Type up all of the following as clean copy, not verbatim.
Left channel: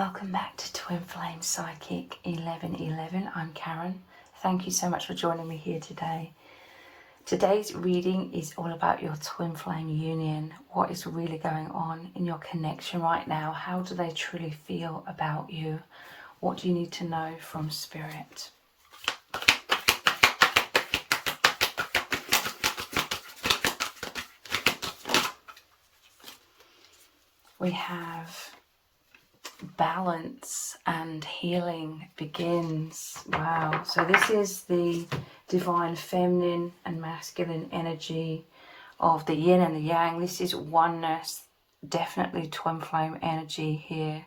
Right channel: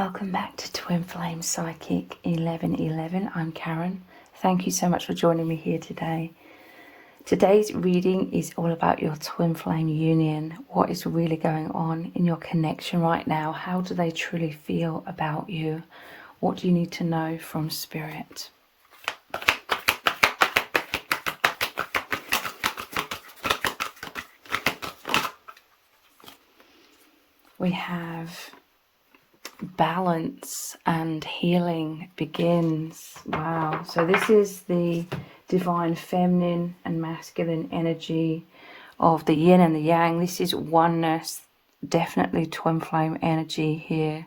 Welcome back to Twinflame Psychic 1111. I'm Karen. Thank you so much for joining me here today. Today's reading is all about your twin flame union. What is really going on in your connection right now? How do they truly feel about you? What do you need to know from Spirit? We have balance and healing begins. Wow. So this is the divine feminine and masculine energy of the yin and the yang. This is oneness, definitely twin flame energy here.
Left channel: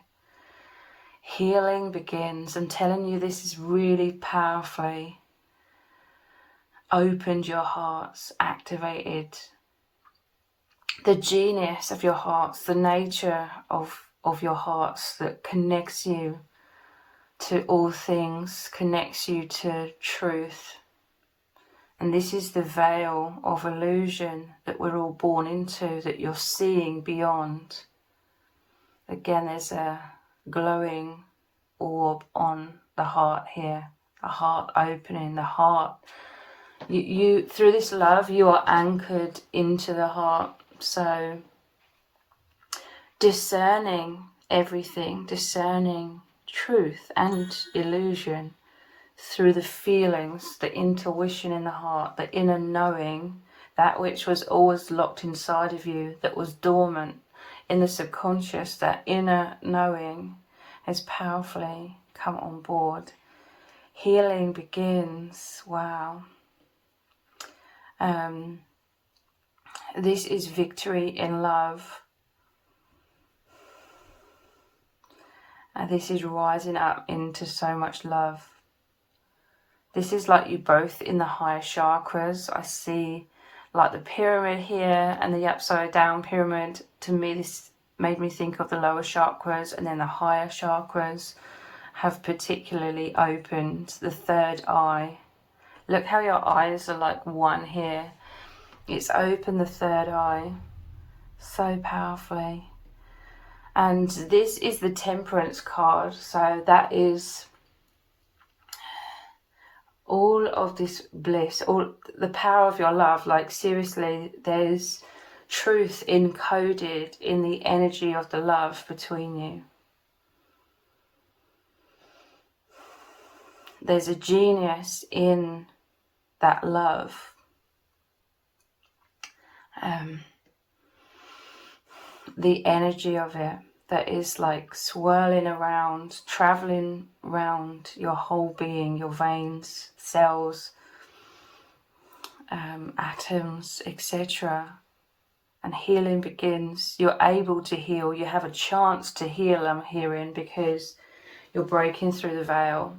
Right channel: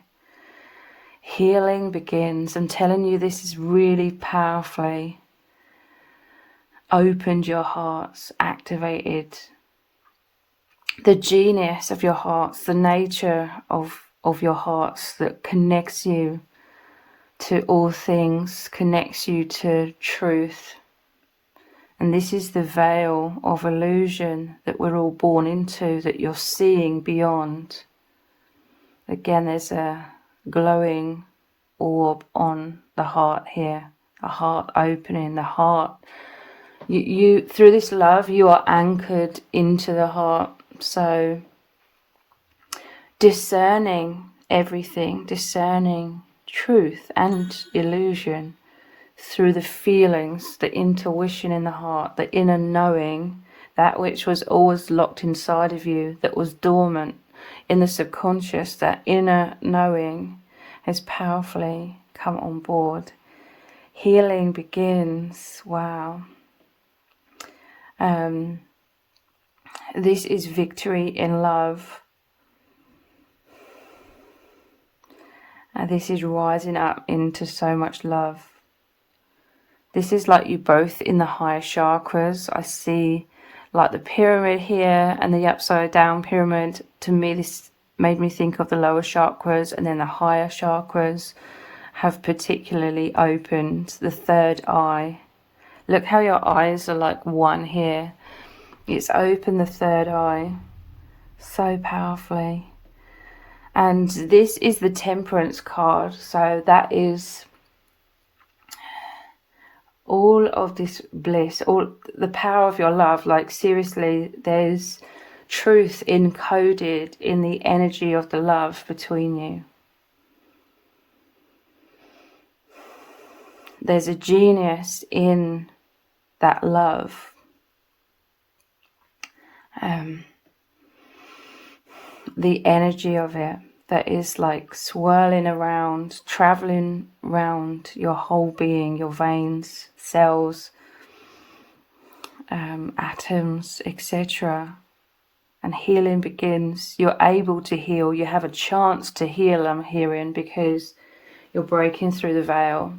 Healing begins. I'm telling you, this is really powerfully opened your hearts, activated the genius of your hearts, the nature of your hearts that connects you to all things, connects you to truth. And this is the veil of illusion that we're all born into, that you're seeing beyond. Again, there's a glowing orb on the heart here, the heart opening, the heart. You through this love, you are anchored into the heart. So discerning everything, discerning truth and illusion through the feelings, the intuition in the heart, the inner knowing, that which was always locked inside of you, that was dormant in the subconscious, that inner knowing has powerfully come on board. Healing begins. Wow. This is victory in love. And this is rising up into so much love. This is like you both in the higher chakras. I see like the pyramid here and the upside down pyramid. To me, this made me think of the lower chakras, and then the higher chakras have particularly opened. The third eye. Look how your eyes are like one here. It's opened the third eye so powerfully. And this is the Temperance card. So that is all of this bliss, all the power of your love. Like seriously, there's truth encoded in the energy of the love between you. There's a genius in that love. The energy of it that is like swirling around, traveling around your whole being, your veins, cells, atoms, etc. And healing begins. You're able to heal. You have a chance to heal, I'm hearing, because you're breaking through the veil.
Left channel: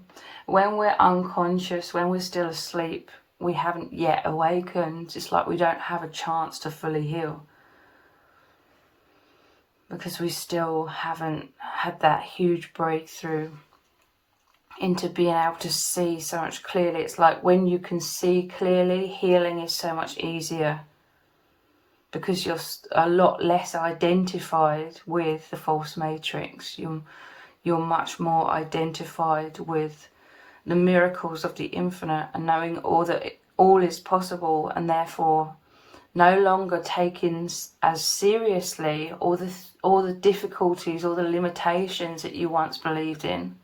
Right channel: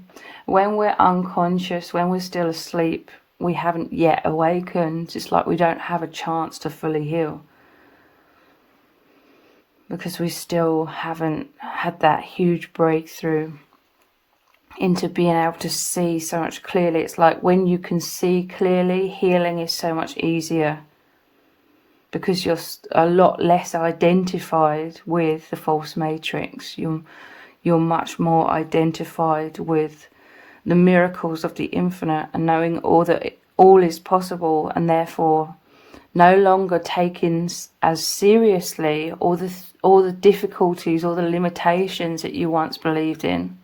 When we're unconscious, when we're still asleep, we haven't yet awakened. It's like we don't have a chance to fully heal, because we still haven't had that huge breakthrough into being able to see so much clearly. It's like when you can see clearly, healing is so much easier, because you're a lot less identified with the false matrix. You're much more identified with the miracles of the infinite, and knowing all is possible, and therefore no longer taking as seriously all the difficulties, all the limitations that you once believed in.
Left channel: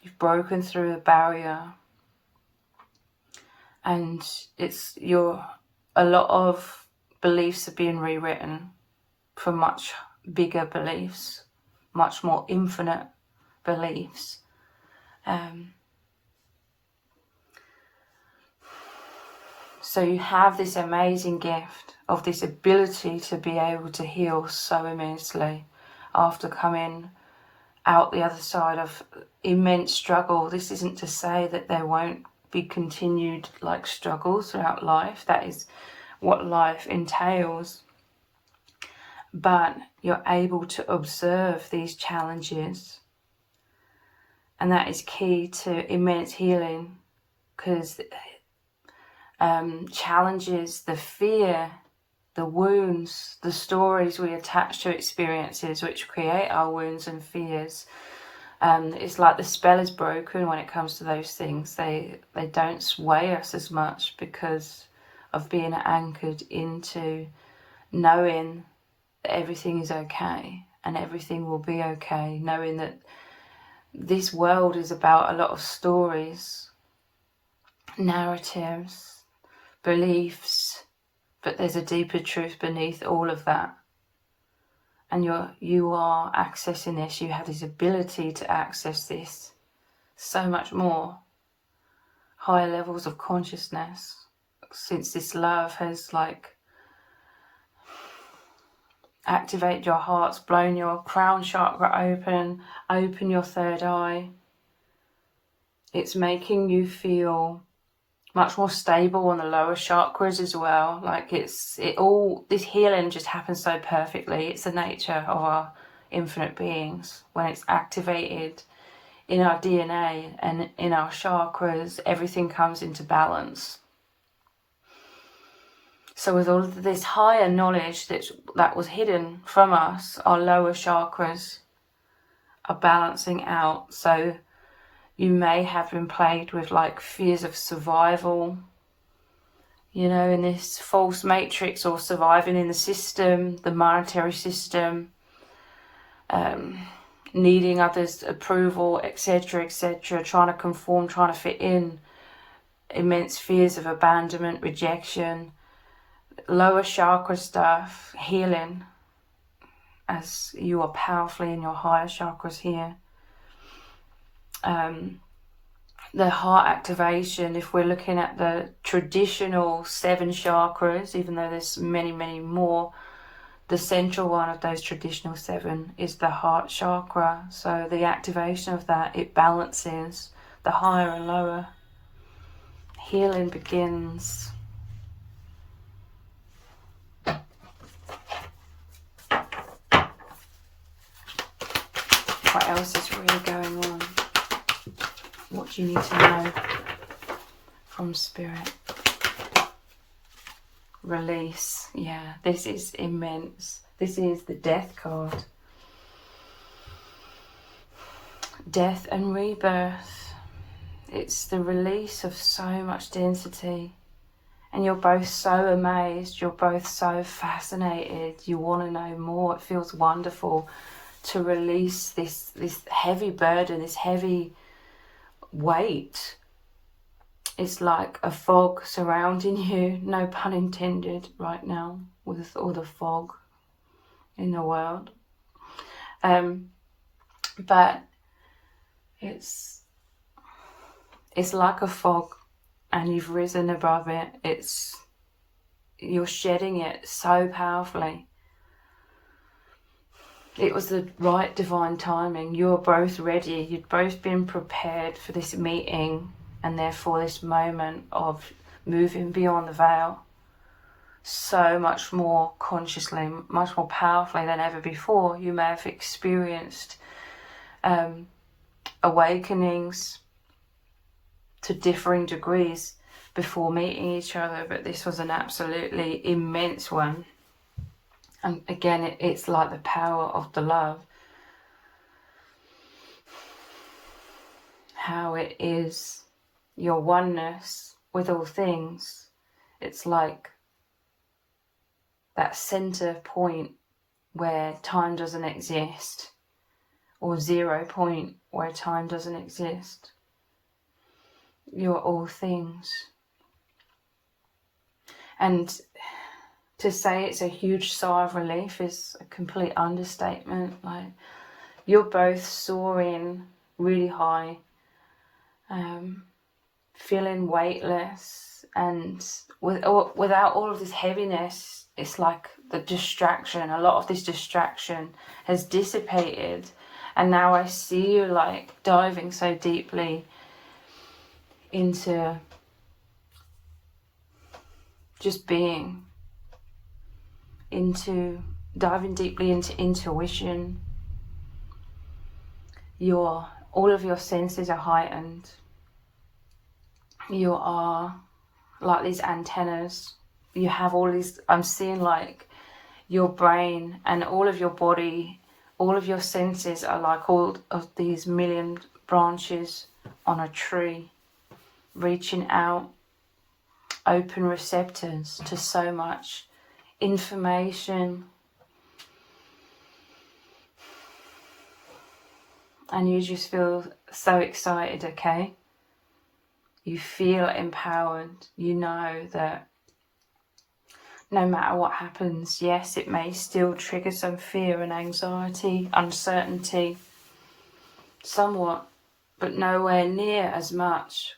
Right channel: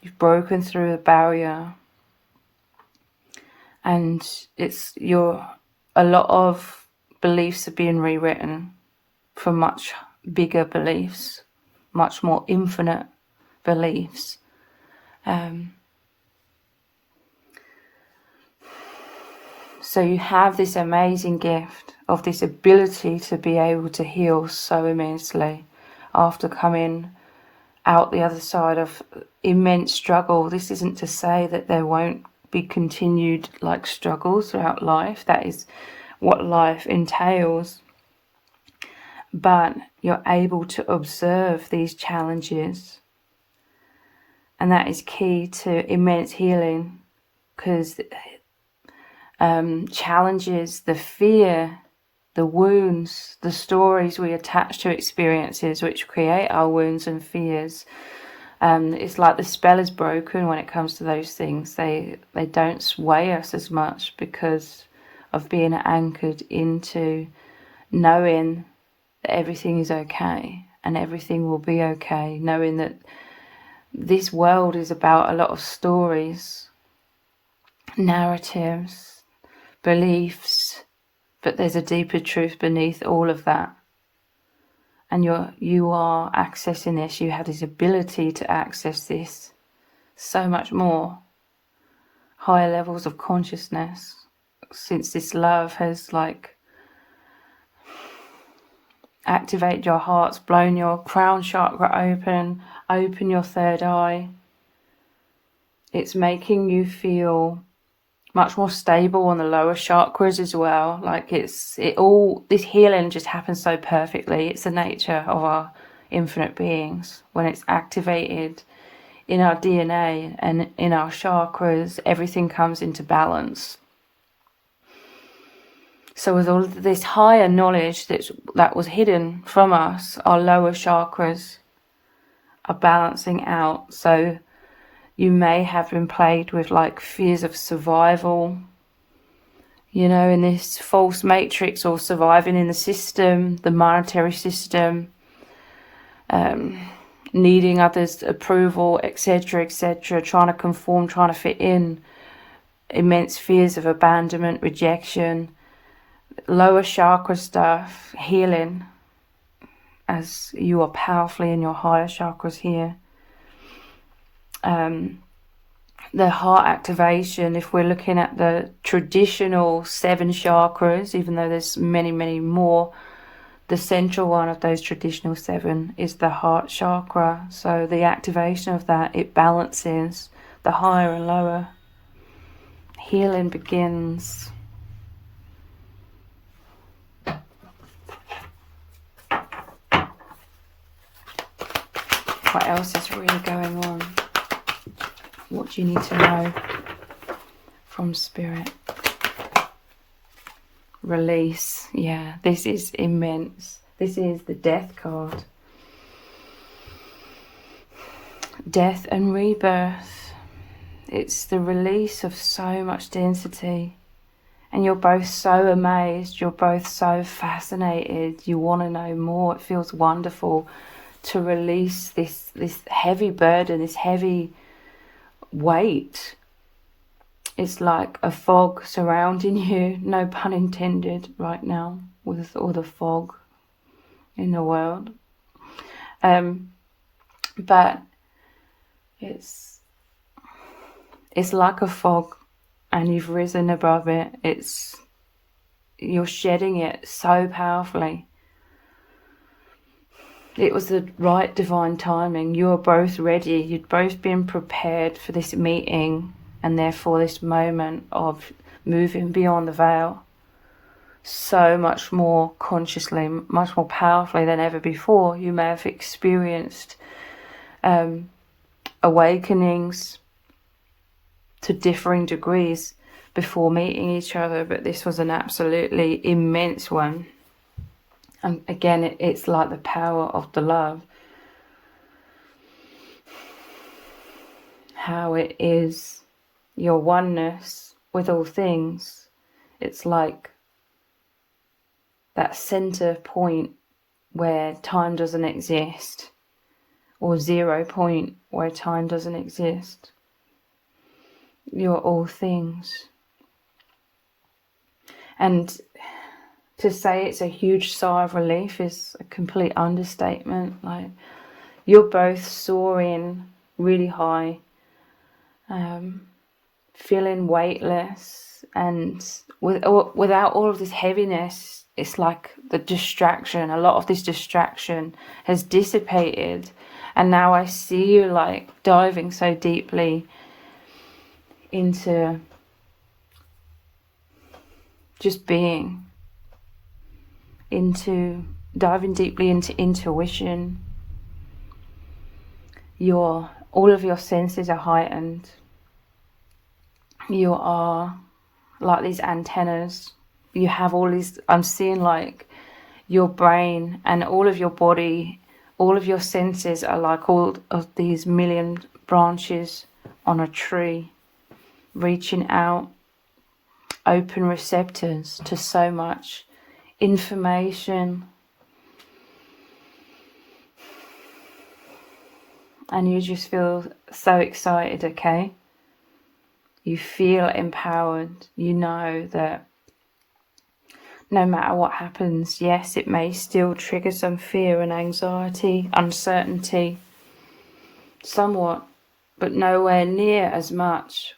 You've broken through a barrier, and a lot of beliefs are being rewritten for much bigger beliefs, much more infinite beliefs. So you have this amazing gift of this ability to be able to heal so immensely after coming out the other side of immense struggle. This isn't to say that there won't be continued like struggles throughout life. That is what life entails. But you're able to observe these challenges. And that is key to immense healing, because challenges, the fear the wounds, the stories we attach to experiences which create our wounds and fears. It's like the spell is broken when it comes to those things. They don't sway us as much because of being anchored into knowing that everything is okay and everything will be okay, knowing that this world is about a lot of stories, narratives, beliefs, but there's a deeper truth beneath all of that. And you are accessing this. You have this ability to access this so much more. Higher levels of consciousness, since this love has like activated your hearts, blown your crown chakra open your third eye. It's making you feel much more stable on the lower chakras as well. Like this healing just happens so perfectly. It's the nature of our infinite beings. When it's activated in our DNA and in our chakras, everything comes into balance. So with all of this higher knowledge that was hidden from us, our lower chakras are balancing out. So you may have been plagued with like fears of survival, you know, in this false matrix, or surviving in the system, the monetary system, needing others' approval, etc., etc., trying to conform, trying to fit in, immense fears of abandonment, rejection, lower chakra stuff, healing, as you are powerfully in your higher chakras here. The heart activation, if we're looking at the traditional 7 chakras, even though there's many, many more, the central one of those traditional 7 is the heart chakra. So the activation of that, it balances the higher and lower. Healing begins. What else is really going on? What do you need to know from Spirit? Release. Yeah, this is immense. This is the Death card. Death and rebirth. It's the release of so much density. And you're both so amazed. You're both so fascinated. You want to know more. It feels wonderful to release this heavy burden, this heavy weight. It's like a fog surrounding you, no pun intended, right now, with all the fog in the world. But it's like a fog, and you've risen above it. You're shedding it so powerfully. It was the right divine timing. You were both ready. You'd both been prepared for this meeting, and therefore this moment of moving beyond the veil so much more consciously, much more powerfully than ever before. You may have experienced awakenings to differing degrees before meeting each other, but this was an absolutely immense one. And again, it's like the power of the love. How it is your oneness with all things. It's like that center point where time doesn't exist, or 0 point where time doesn't exist. You're all things. And to say it's a huge sigh of relief is a complete understatement. Like, you're both soaring really high, feeling weightless, and without all of this heaviness. It's like the distraction, a lot of this distraction has dissipated, and now I see you like diving so deeply into just being, diving deeply into intuition. All of your senses are heightened. You are like these antennas you have all these, I'm seeing like your brain and all of your body, all of your senses are like all of these million branches on a tree, reaching out, open receptors to so much information. And you just feel so excited, okay? You feel empowered. You know that no matter what happens, yes, it may still trigger some fear and anxiety, uncertainty, somewhat, but nowhere near as much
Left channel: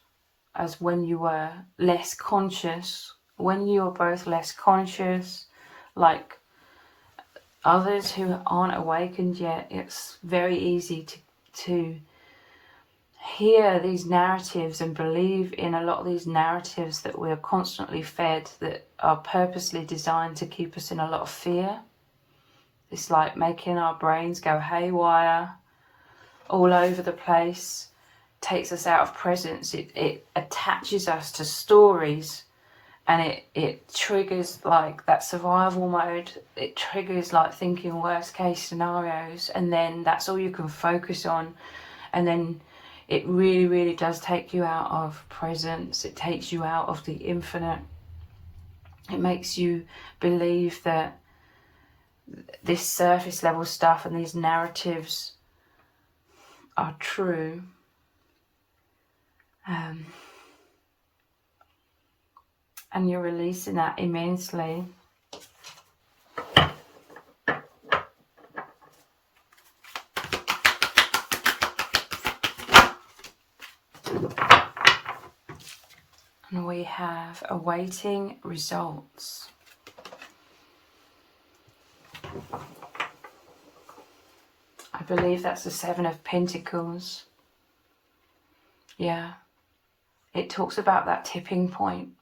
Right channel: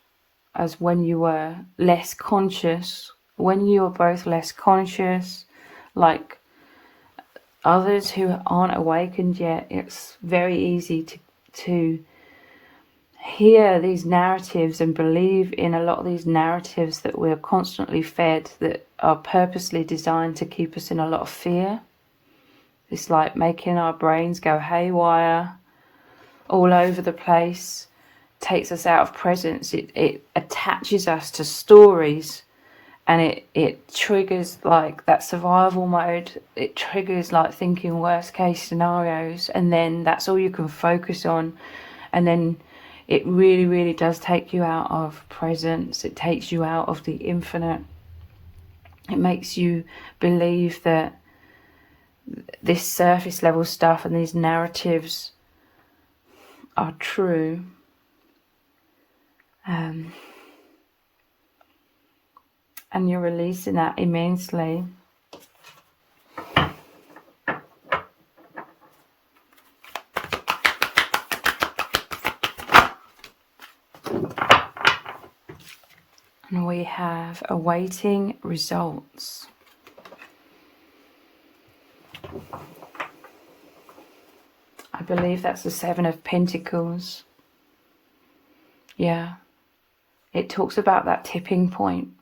as when you were less conscious. When you were both less conscious, like others who aren't awakened yet, it's very easy to hear these narratives and believe in a lot of these narratives that we're constantly fed, that are purposely designed to keep us in a lot of fear. It's like making our brains go haywire all over the place, takes us out of presence. It attaches us to stories, and it triggers like that survival mode. It triggers like thinking worst case scenarios, and then that's all you can focus on. And then it really, really does take you out of presence. It takes you out of the infinite. It makes you believe that this surface level stuff and these narratives are true. And you're releasing that immensely. And we have awaiting results. I believe that's the Seven of Pentacles. Yeah. It talks about that tipping point.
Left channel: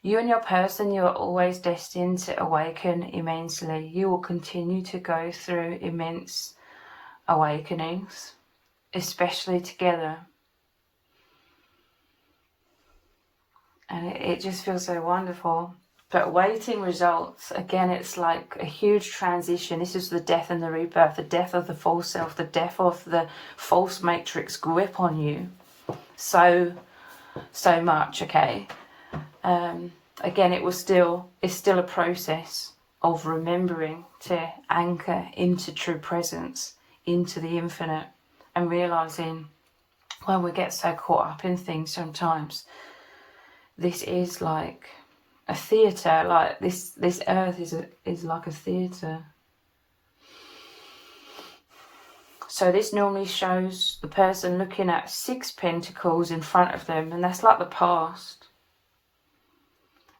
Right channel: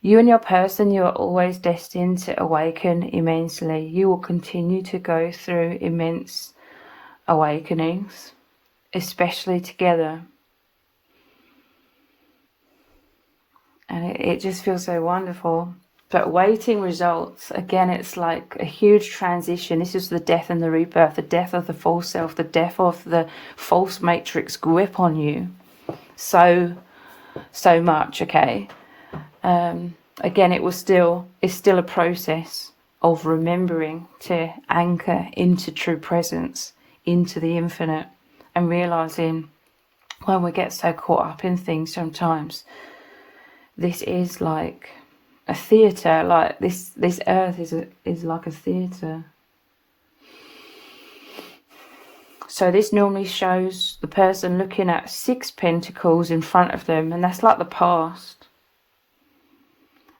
You and your person, you are always destined to awaken immensely. You will continue to go through immense awakenings, especially together. And it just feels so wonderful. But awaiting results, again, it's like a huge transition. This is the death and the rebirth, the death of the false self, the death of the false matrix grip on you. So much, okay? Again, it's still a process of remembering to anchor into true presence, into the infinite, and realizing when we get so caught up in things sometimes, this is like a theatre. Like this earth is like a theatre. So this normally shows the person looking at 6 pentacles in front of them, and that's like the past.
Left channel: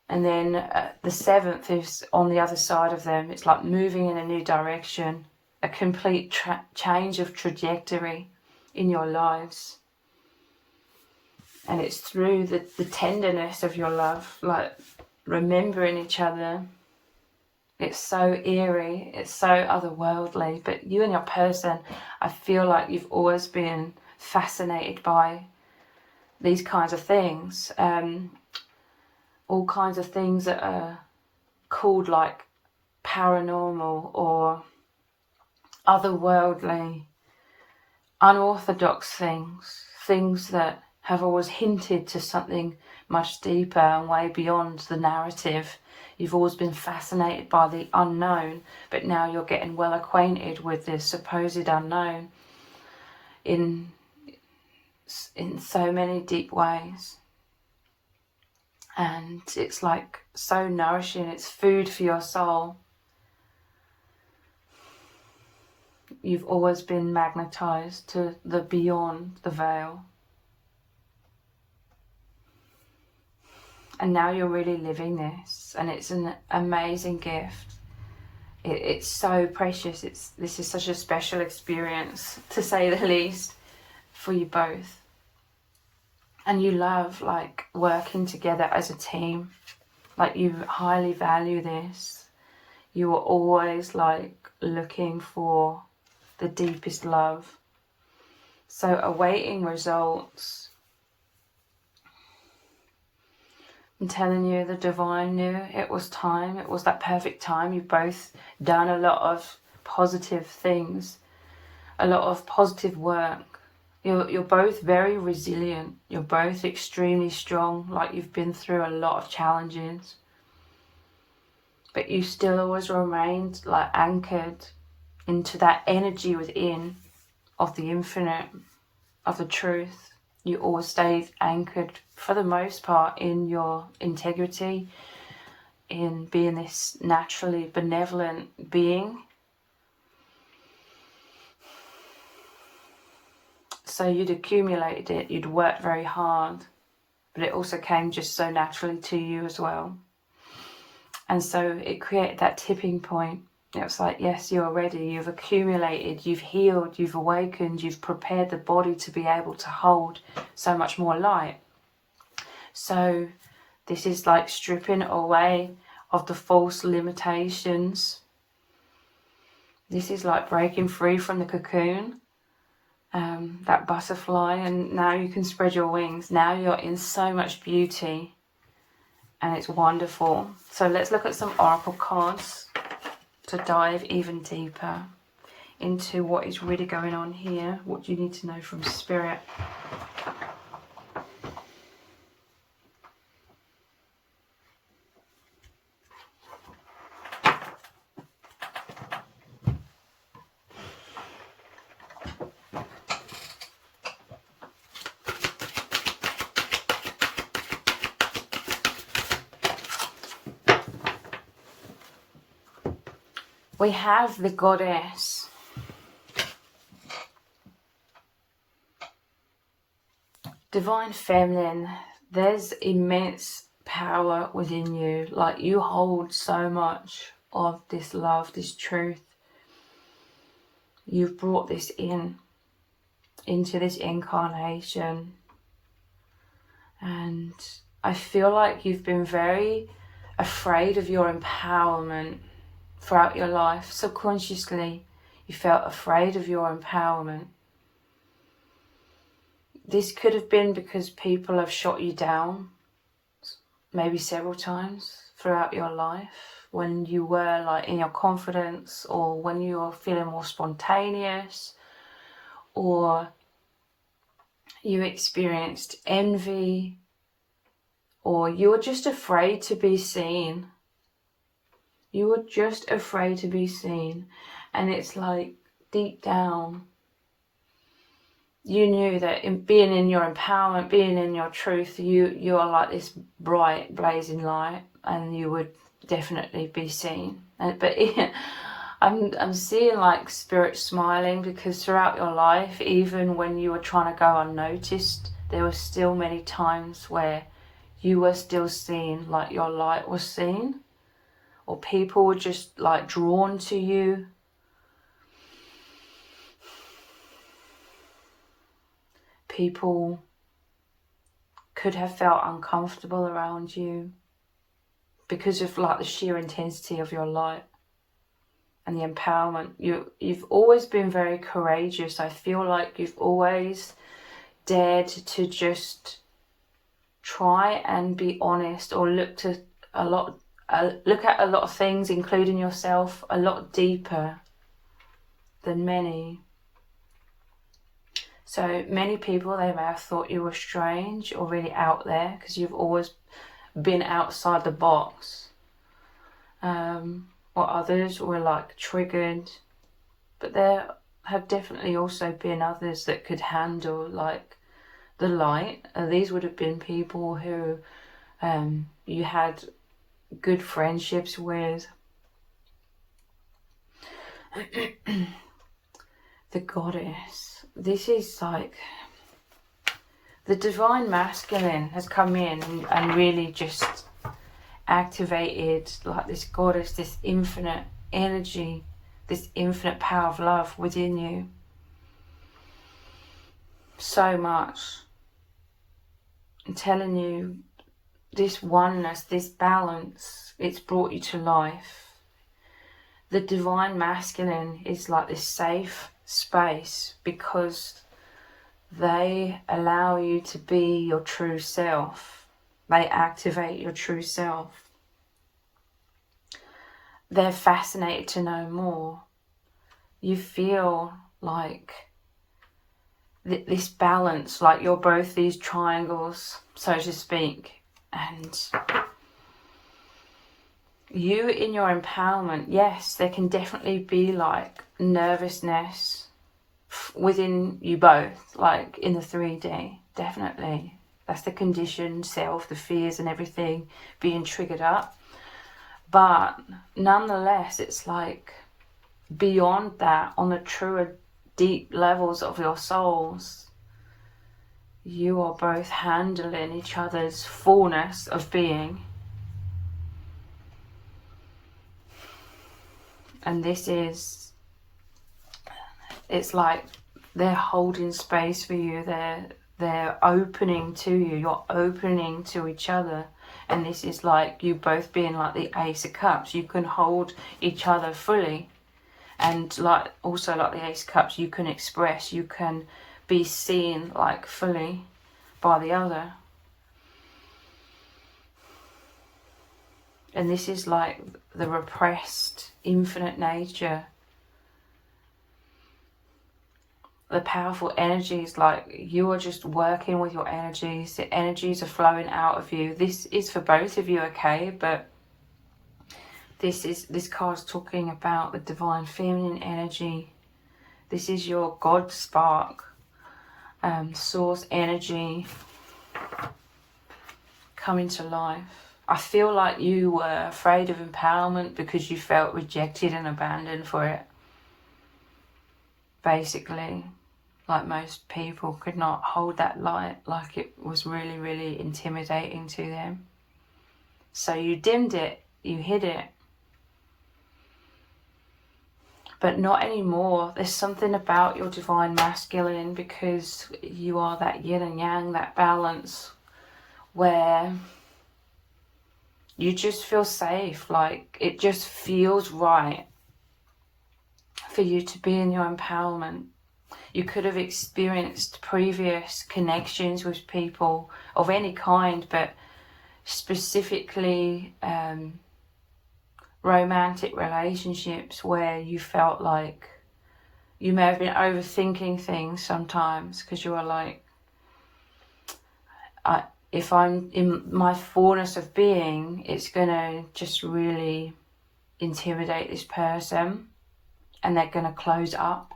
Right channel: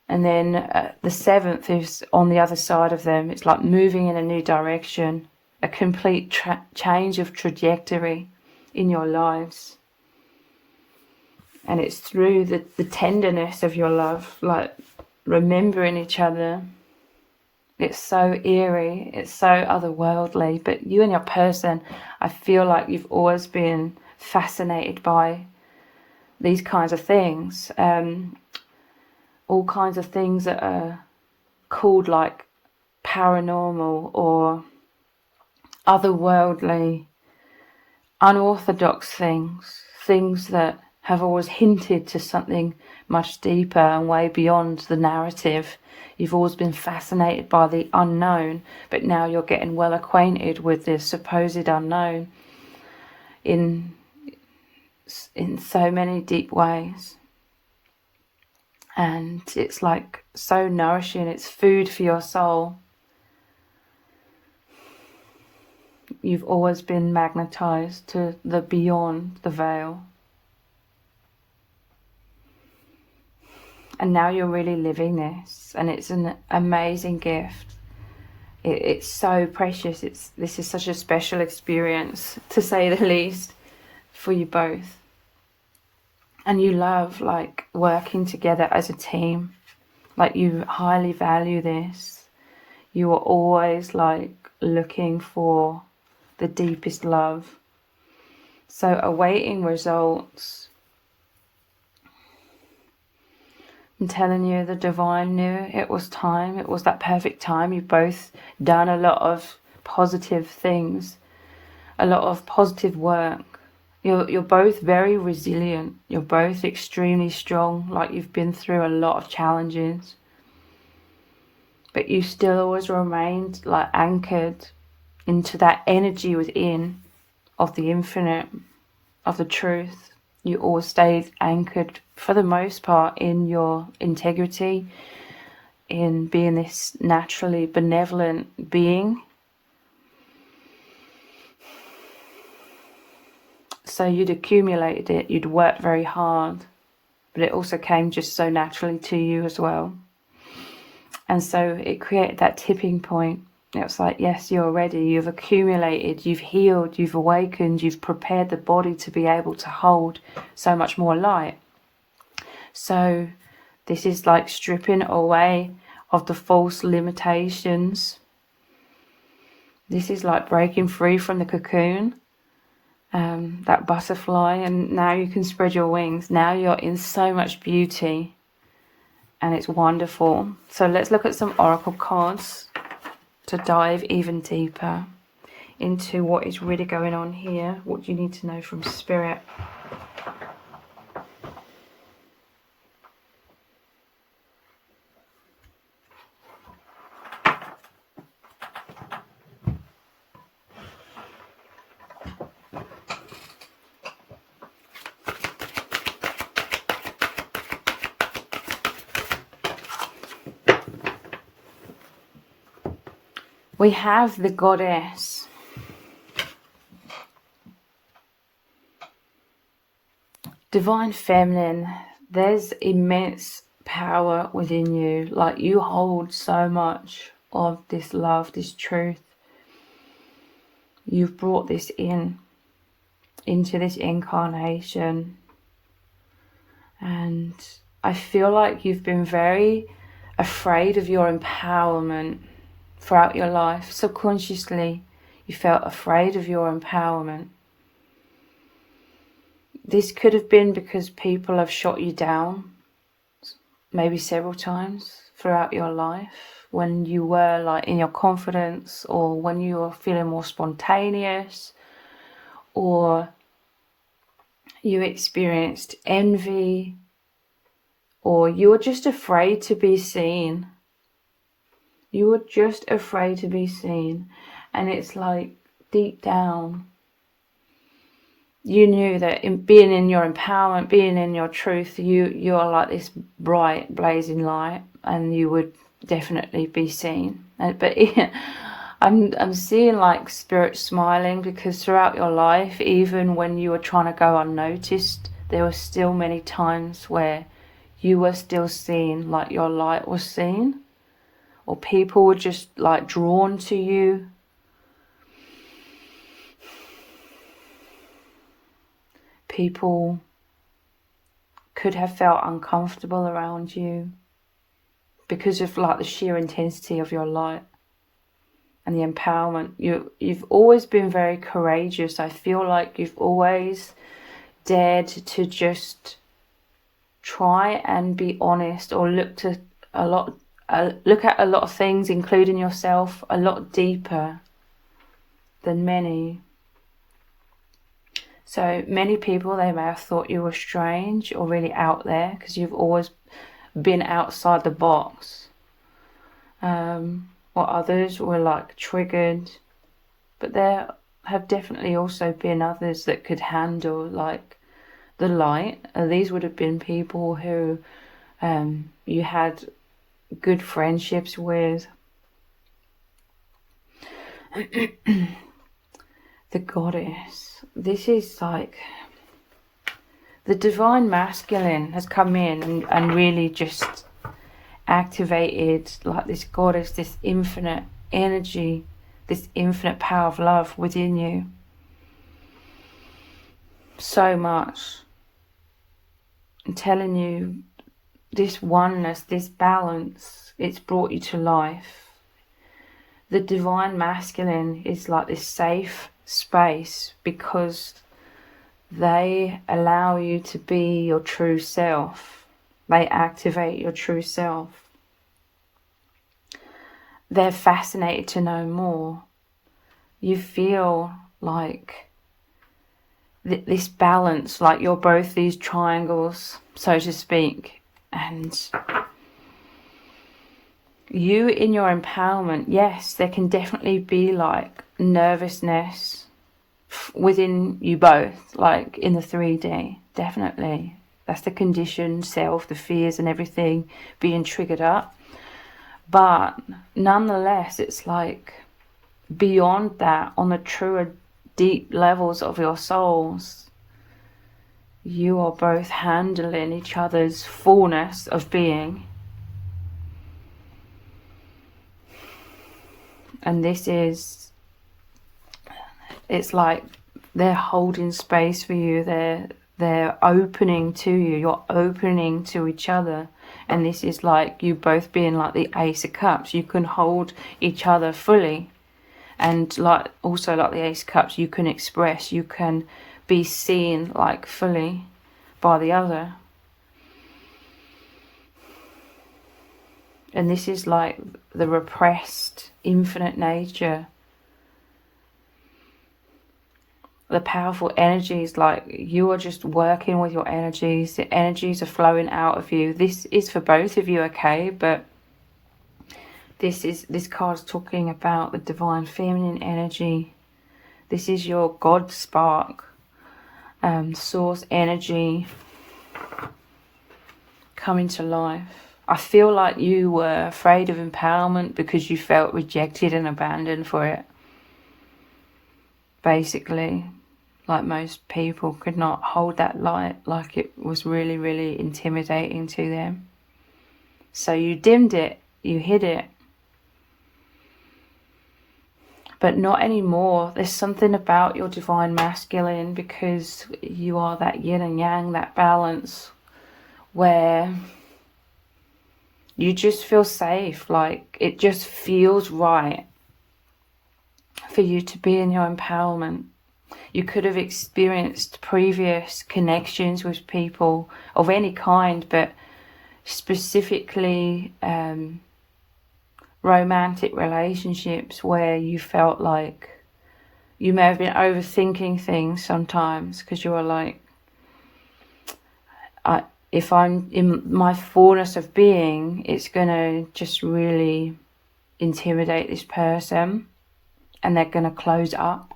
And then the 7th is on the other side of them. It's like moving in a new direction, a complete change of trajectory in your lives. And it's through the tenderness of your love, like remembering each other. It's so eerie, it's so otherworldly. But you and your person, I feel like you've always been fascinated by these kinds of things. All kinds of things that are called like paranormal or otherworldly, unorthodox things that have always hinted to something much deeper and way beyond the narrative. You've always been fascinated by the unknown, but now you're getting well acquainted with the supposed unknown in so many deep ways. And it's like so nourishing. It's food for your soul. You've always been magnetized to the beyond the veil. And now you're really living this, and it's an amazing gift. It's so precious. This is such a special experience, to say the least, for you both. And you love like working together as a team. Like you highly value this. You are always like looking for the deepest love. So awaiting results I'm telling you, the divine knew it was time. It was that perfect time. You've both done a lot of positive things, a lot of positive work. You're both very resilient. You're both extremely strong, like you've been through a lot of challenges. But you still always remained like anchored into that energy within of the infinite, of the truth. You always stayed anchored for the most part in your integrity, in being this naturally benevolent being. So you'd accumulated it, you'd worked very hard, but it also came just so naturally to you as well. And so it created that tipping point. It was like, yes, you're ready, you've accumulated, you've healed, you've awakened, you've prepared the body to be able to hold so much more light. So this is like stripping away of the false limitations. This is like breaking free from the cocoon, that butterfly, and now you can spread your wings. Now you're in so much beauty, and it's wonderful. So let's look at some oracle cards to dive even deeper into what is really going on here. What do you need to know from Spirit? We have the Goddess. Divine Feminine. There's immense power within you. Like you hold so much of this love, this truth. You've brought this into this incarnation. And I feel like you've been very afraid of your empowerment throughout your life. Subconsciously, you felt afraid of your empowerment. This could have been because people have shot you down, maybe several times throughout your life, when you were like in your confidence, or when you were feeling more spontaneous, or you experienced envy, or you were just afraid to be seen. You were just afraid to be seen. And it's like deep down, you knew that in being in your empowerment, being in your truth, you're like this bright, blazing light, and you would definitely be seen. But I'm seeing like Spirit smiling, because throughout your life, even when you were trying to go unnoticed, there were still many times where you were still seen, like your light was seen. Or people were just like drawn to you. People could have felt uncomfortable around you because of like the sheer intensity of your light and the empowerment. You've always been very courageous. I feel like you've always dared to just try and be honest, or look at a lot of things, including yourself, a lot deeper than many. So many people, they may have thought you were strange or really out there, because you've always been outside the box. Or others were like triggered. But there have definitely also been others that could handle like the light. These would have been people who you had good friendships with. The Goddess. This is like the divine masculine has come in and really just activated like this Goddess, this infinite energy, this infinite power of love within you. So much. I'm telling you, this oneness, this balance, it's brought you to life. The divine masculine is like this safe space, because they allow you to be your true self. They activate your true self. They're fascinated to know more. You feel like this balance, like you're both these triangles, so to speak, and you in your empowerment, yes, there can definitely be like nervousness within you both, like in the 3D, definitely. That's the conditioned self, the fears and everything being triggered up. But nonetheless, it's like beyond that, on the truer deep levels of your souls, you are both handling each other's fullness of being. And this is, it's like they're holding space for you, they're opening to you, you're opening to each other. And this is like you both being like the Ace of Cups. You can hold each other fully. And like also like the Ace of Cups, you can express, you can be seen like fully by the other. And this is like the repressed infinite nature. The powerful energies, like you are just working with your energies. The energies are flowing out of you. This is for both of you, okay? But this card's talking about the divine feminine energy. This is your God spark, source energy coming to life. I feel like you were afraid of empowerment because you felt rejected and abandoned for it. Basically, like most people could not hold that light, like it was really, really intimidating to them. So you dimmed it, you hid it. But not anymore. There's something about your divine masculine, because you are that yin and yang, that balance, where you just feel safe. Like it just feels right for you to be in your empowerment. You could have experienced previous connections with people of any kind, but specifically romantic relationships where you felt like you may have been overthinking things sometimes, because you were like, if I'm in my fullness of being, it's gonna just really intimidate this person and they're gonna close up.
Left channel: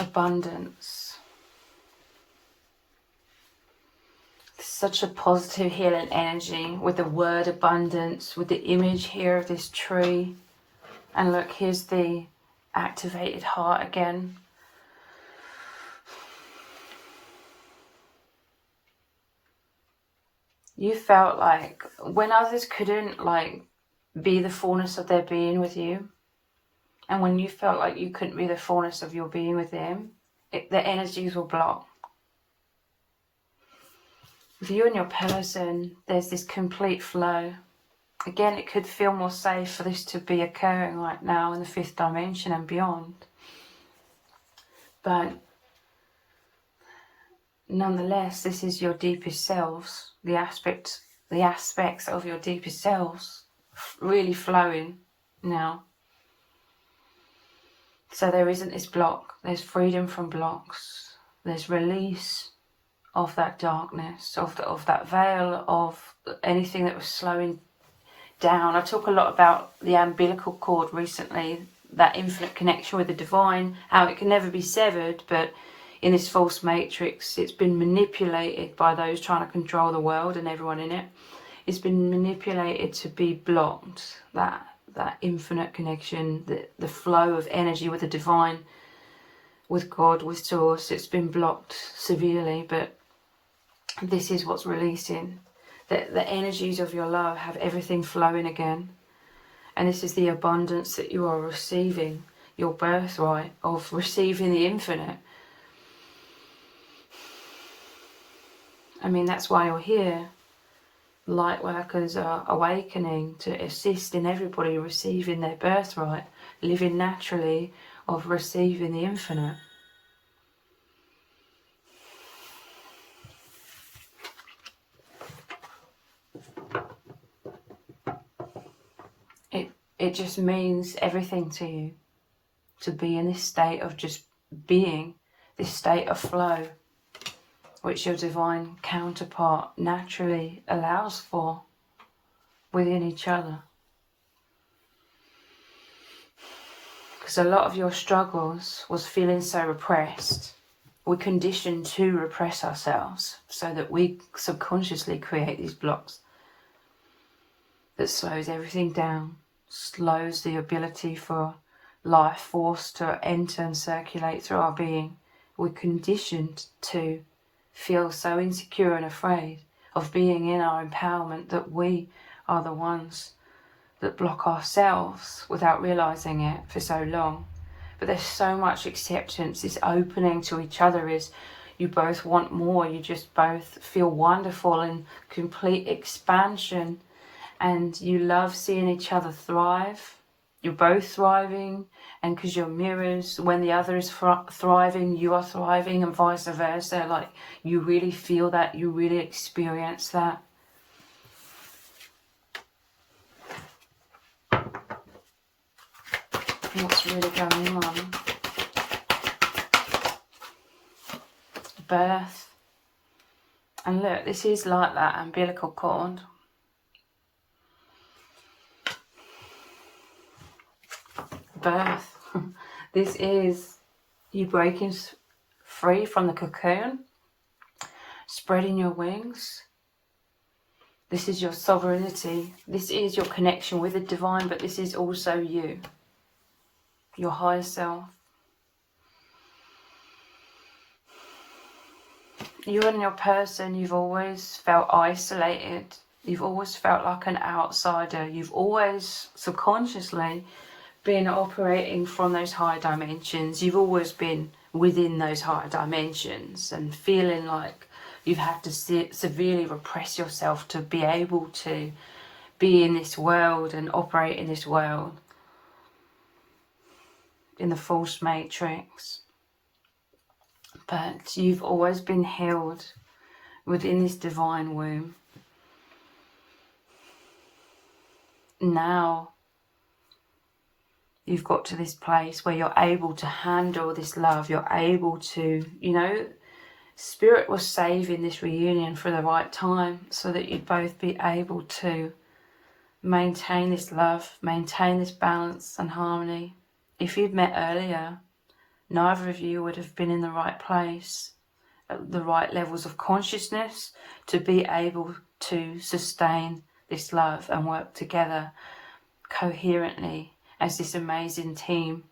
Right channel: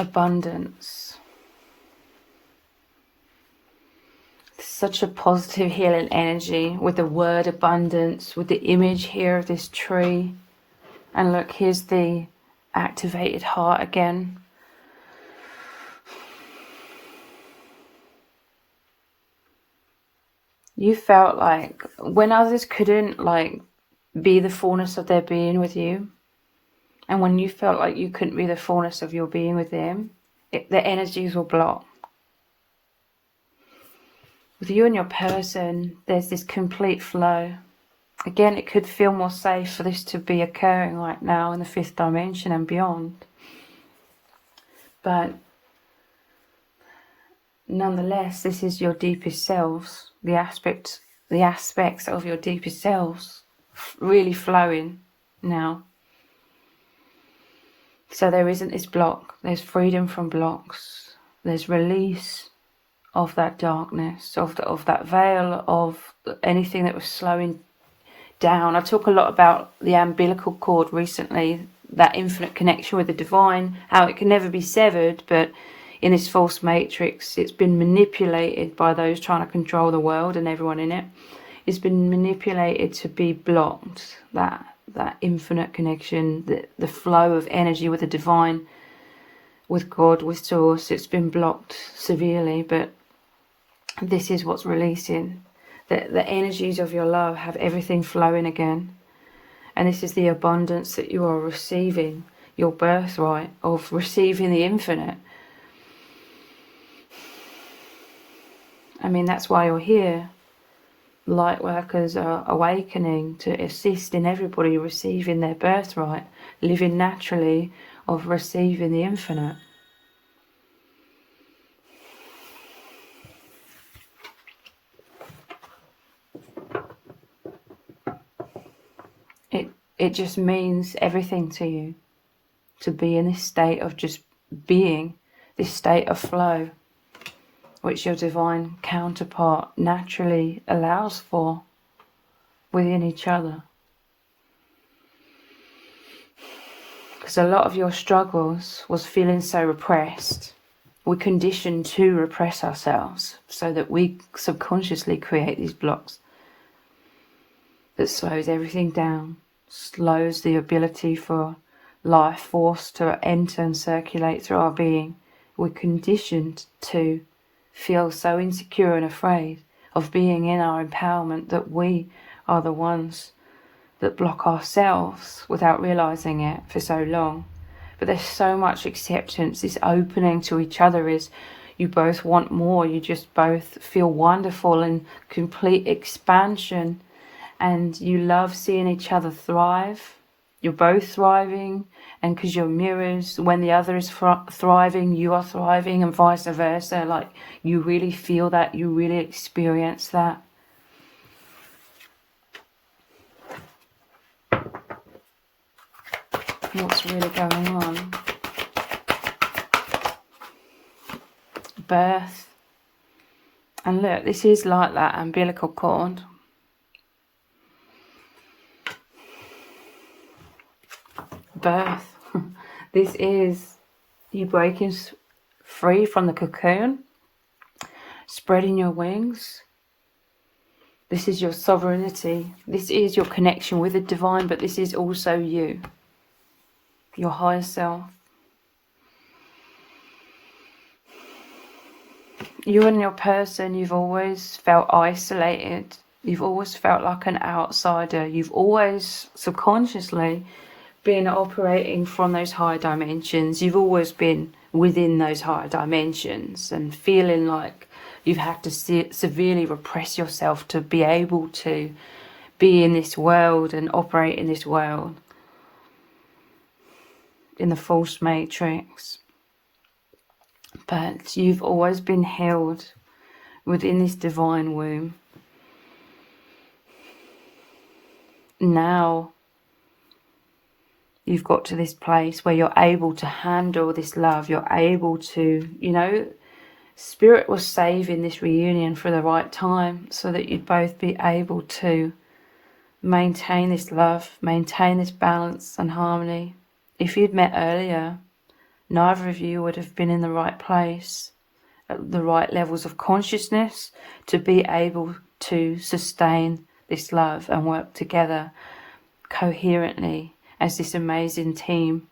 Abundance. Such a positive healing energy with the word abundance, with the image here of this tree. And look, here's the activated heart again. You felt like when others couldn't like be the fullness of their being with you, and when you felt like you couldn't be the fullness of your being with them, the energies were blocked. With you and your person, there's this complete flow. Again, it could feel more safe for this to be occurring right now in the 5th dimension and beyond. But nonetheless, this is your deepest selves, the aspects of your deepest selves really flowing now. So there isn't this block. There's freedom from blocks. There's release of that darkness, of that veil, of anything that was slowing down. I talk a lot about the umbilical cord recently, that infinite connection with the divine, how it can never be severed, but in this false matrix, it's been manipulated by those trying to control the world and everyone in it. It's been manipulated to be blocked, that infinite connection, the flow of energy with the divine, with God, with source. It's been blocked severely, but this is what's releasing. The energies of your love have everything flowing again. And this is the abundance that you are receiving, your birthright of receiving the infinite. I mean, that's why you're here. light workers are awakening to assist in everybody receiving their birthright, living naturally of receiving the infinite. It just means everything to you to be in this state of just being, this state of flow, which your divine counterpart naturally allows for within each other. Because a lot of your struggles was feeling so repressed. We're conditioned to repress ourselves so that we subconsciously create these blocks that slows everything down, slows the ability for life force to enter and circulate through our being. We're conditioned to feel so insecure and afraid of being in our empowerment that we are the ones that block ourselves without realizing it for so long. But there's so much acceptance, this opening to each other is you both want more, you just both feel wonderful in complete expansion, and you love seeing each other thrive. You're both thriving, and because you're mirrors, when the other is thriving, you are thriving, and vice versa. Like, you really feel that, you really experience that. What's really going on? Birth. And look, this is like that umbilical cord. Birth. This is you breaking free from the cocoon, spreading your wings. This is your sovereignty. This is your connection with the divine, but this is also you, your higher self. You and your person, you've always felt isolated. You've always felt like an outsider. You've always subconsciously been operating from those higher dimensions. You've always been within those higher dimensions and feeling like you've had to severely repress yourself to be able to be in this world and operate in this world, in the false matrix. But you've always been held within this divine womb. Now you've got to this place where you're able to handle this love. You're able to, you know, Spirit was saving this reunion for the right time so that you'd both be able to maintain this love, maintain this balance and harmony. If you'd met earlier, neither of you would have been in the right place, at the right levels of consciousness to be able to sustain this love and work together coherently as this amazing team.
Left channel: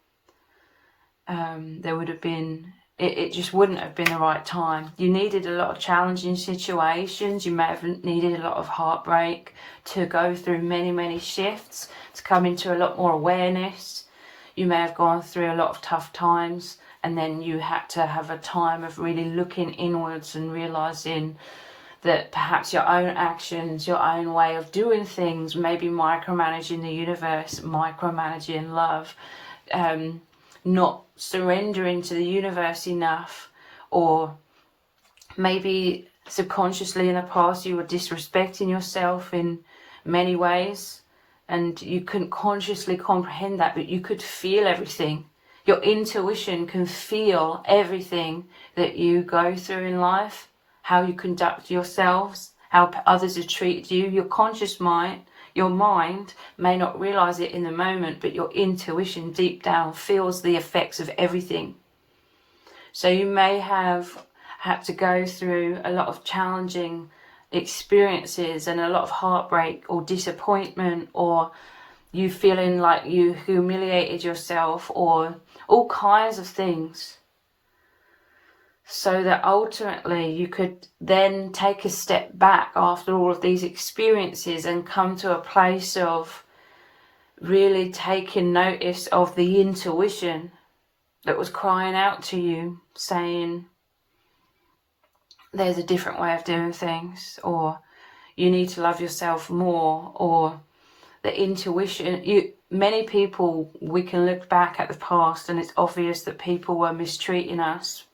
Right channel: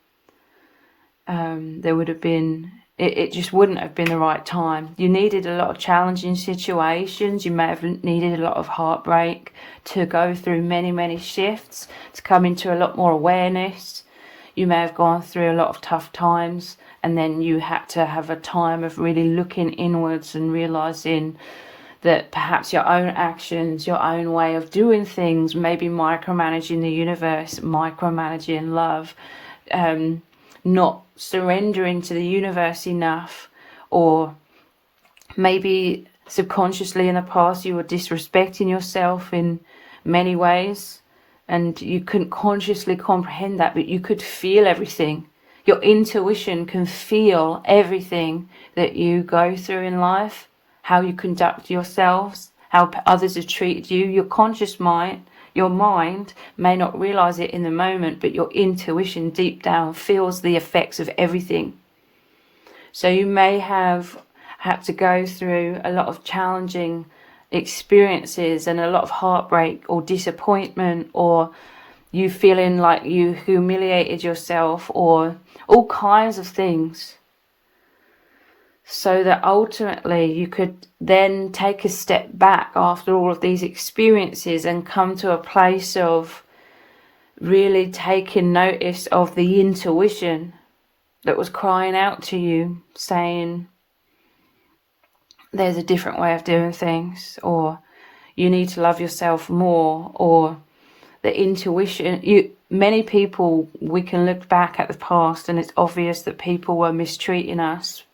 There would have been, it just wouldn't have been the right time. You needed a lot of challenging situations. You may have needed a lot of heartbreak to go through many shifts, to come into a lot more awareness. You may have gone through a lot of tough times, and then you had to have a time of really looking inwards and realizing that perhaps your own actions, your own way of doing things, maybe micromanaging the universe, micromanaging love, not surrendering to the universe enough, or maybe subconsciously in the past you were disrespecting yourself in many ways and you couldn't consciously comprehend that, but you could feel everything. Your intuition can feel everything that you go through in life, how you conduct yourselves, how others have treated you. Your conscious mind, your mind may not realize it in the moment, but your intuition deep down feels the effects of everything. So you may have had to go through a lot of challenging experiences and a lot of heartbreak or disappointment, or you feeling like you humiliated yourself, or all kinds of things, so that ultimately you could then take a step back after all of these experiences and come to a place of really taking notice of the intuition that was crying out to you, saying there's a different way of doing things, or you need to love yourself more, or the intuition. Many people, we can look back at the past and it's obvious that people were mistreating us,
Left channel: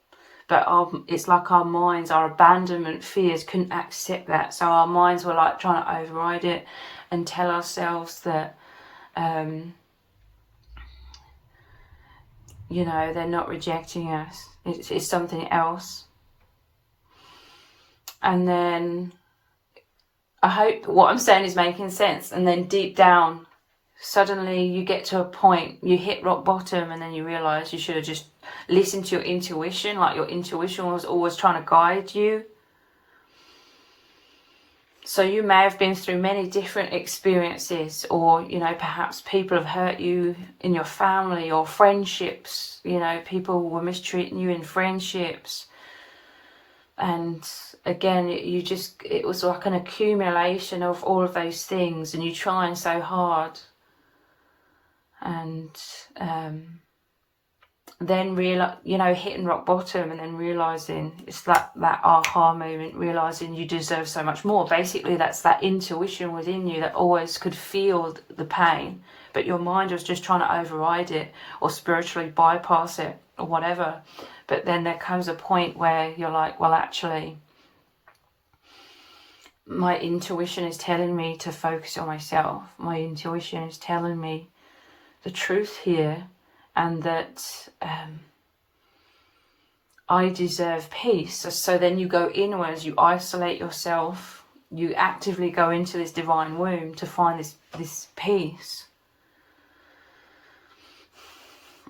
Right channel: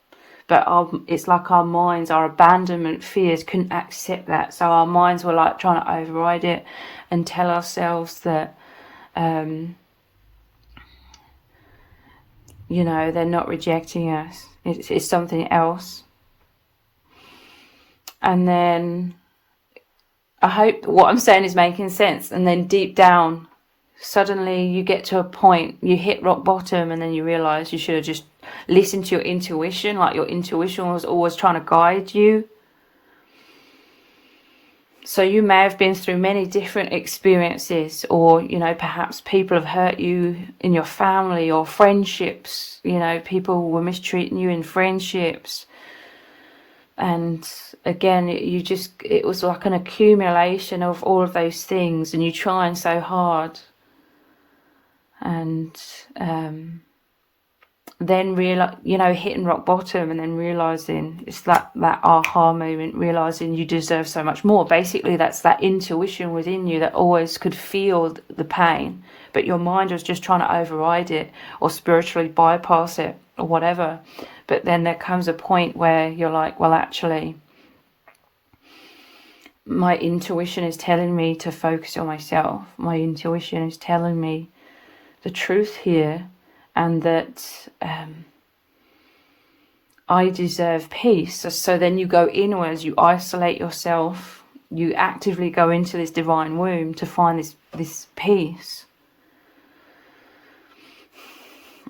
but it's like our minds, our abandonment fears couldn't accept that, so our minds were like trying to override it and tell ourselves that you know, they're not rejecting us, it's something else. And then I hope what I'm saying is making sense. And then deep down, suddenly you get to a point, you hit rock bottom, and then you realize you should have just listened to your intuition, like your intuition was always trying to guide you. So you may have been through many different experiences, or, you know, perhaps people have hurt you in your family or friendships, you know, people were mistreating you in friendships. And again, it was like an accumulation of all of those things, and you're trying so hard. And then hitting rock bottom, and then realizing it's that aha moment, realizing you deserve so much more. Basically, that's that intuition within you that always could feel the pain, but your mind was just trying to override it or spiritually bypass it or whatever. But then there comes a point where you're like, well, actually, my intuition is telling me to focus on myself. My intuition is telling me the truth here, and that I deserve peace. So then you go inwards, you isolate yourself, you actively go into this divine womb to find this peace.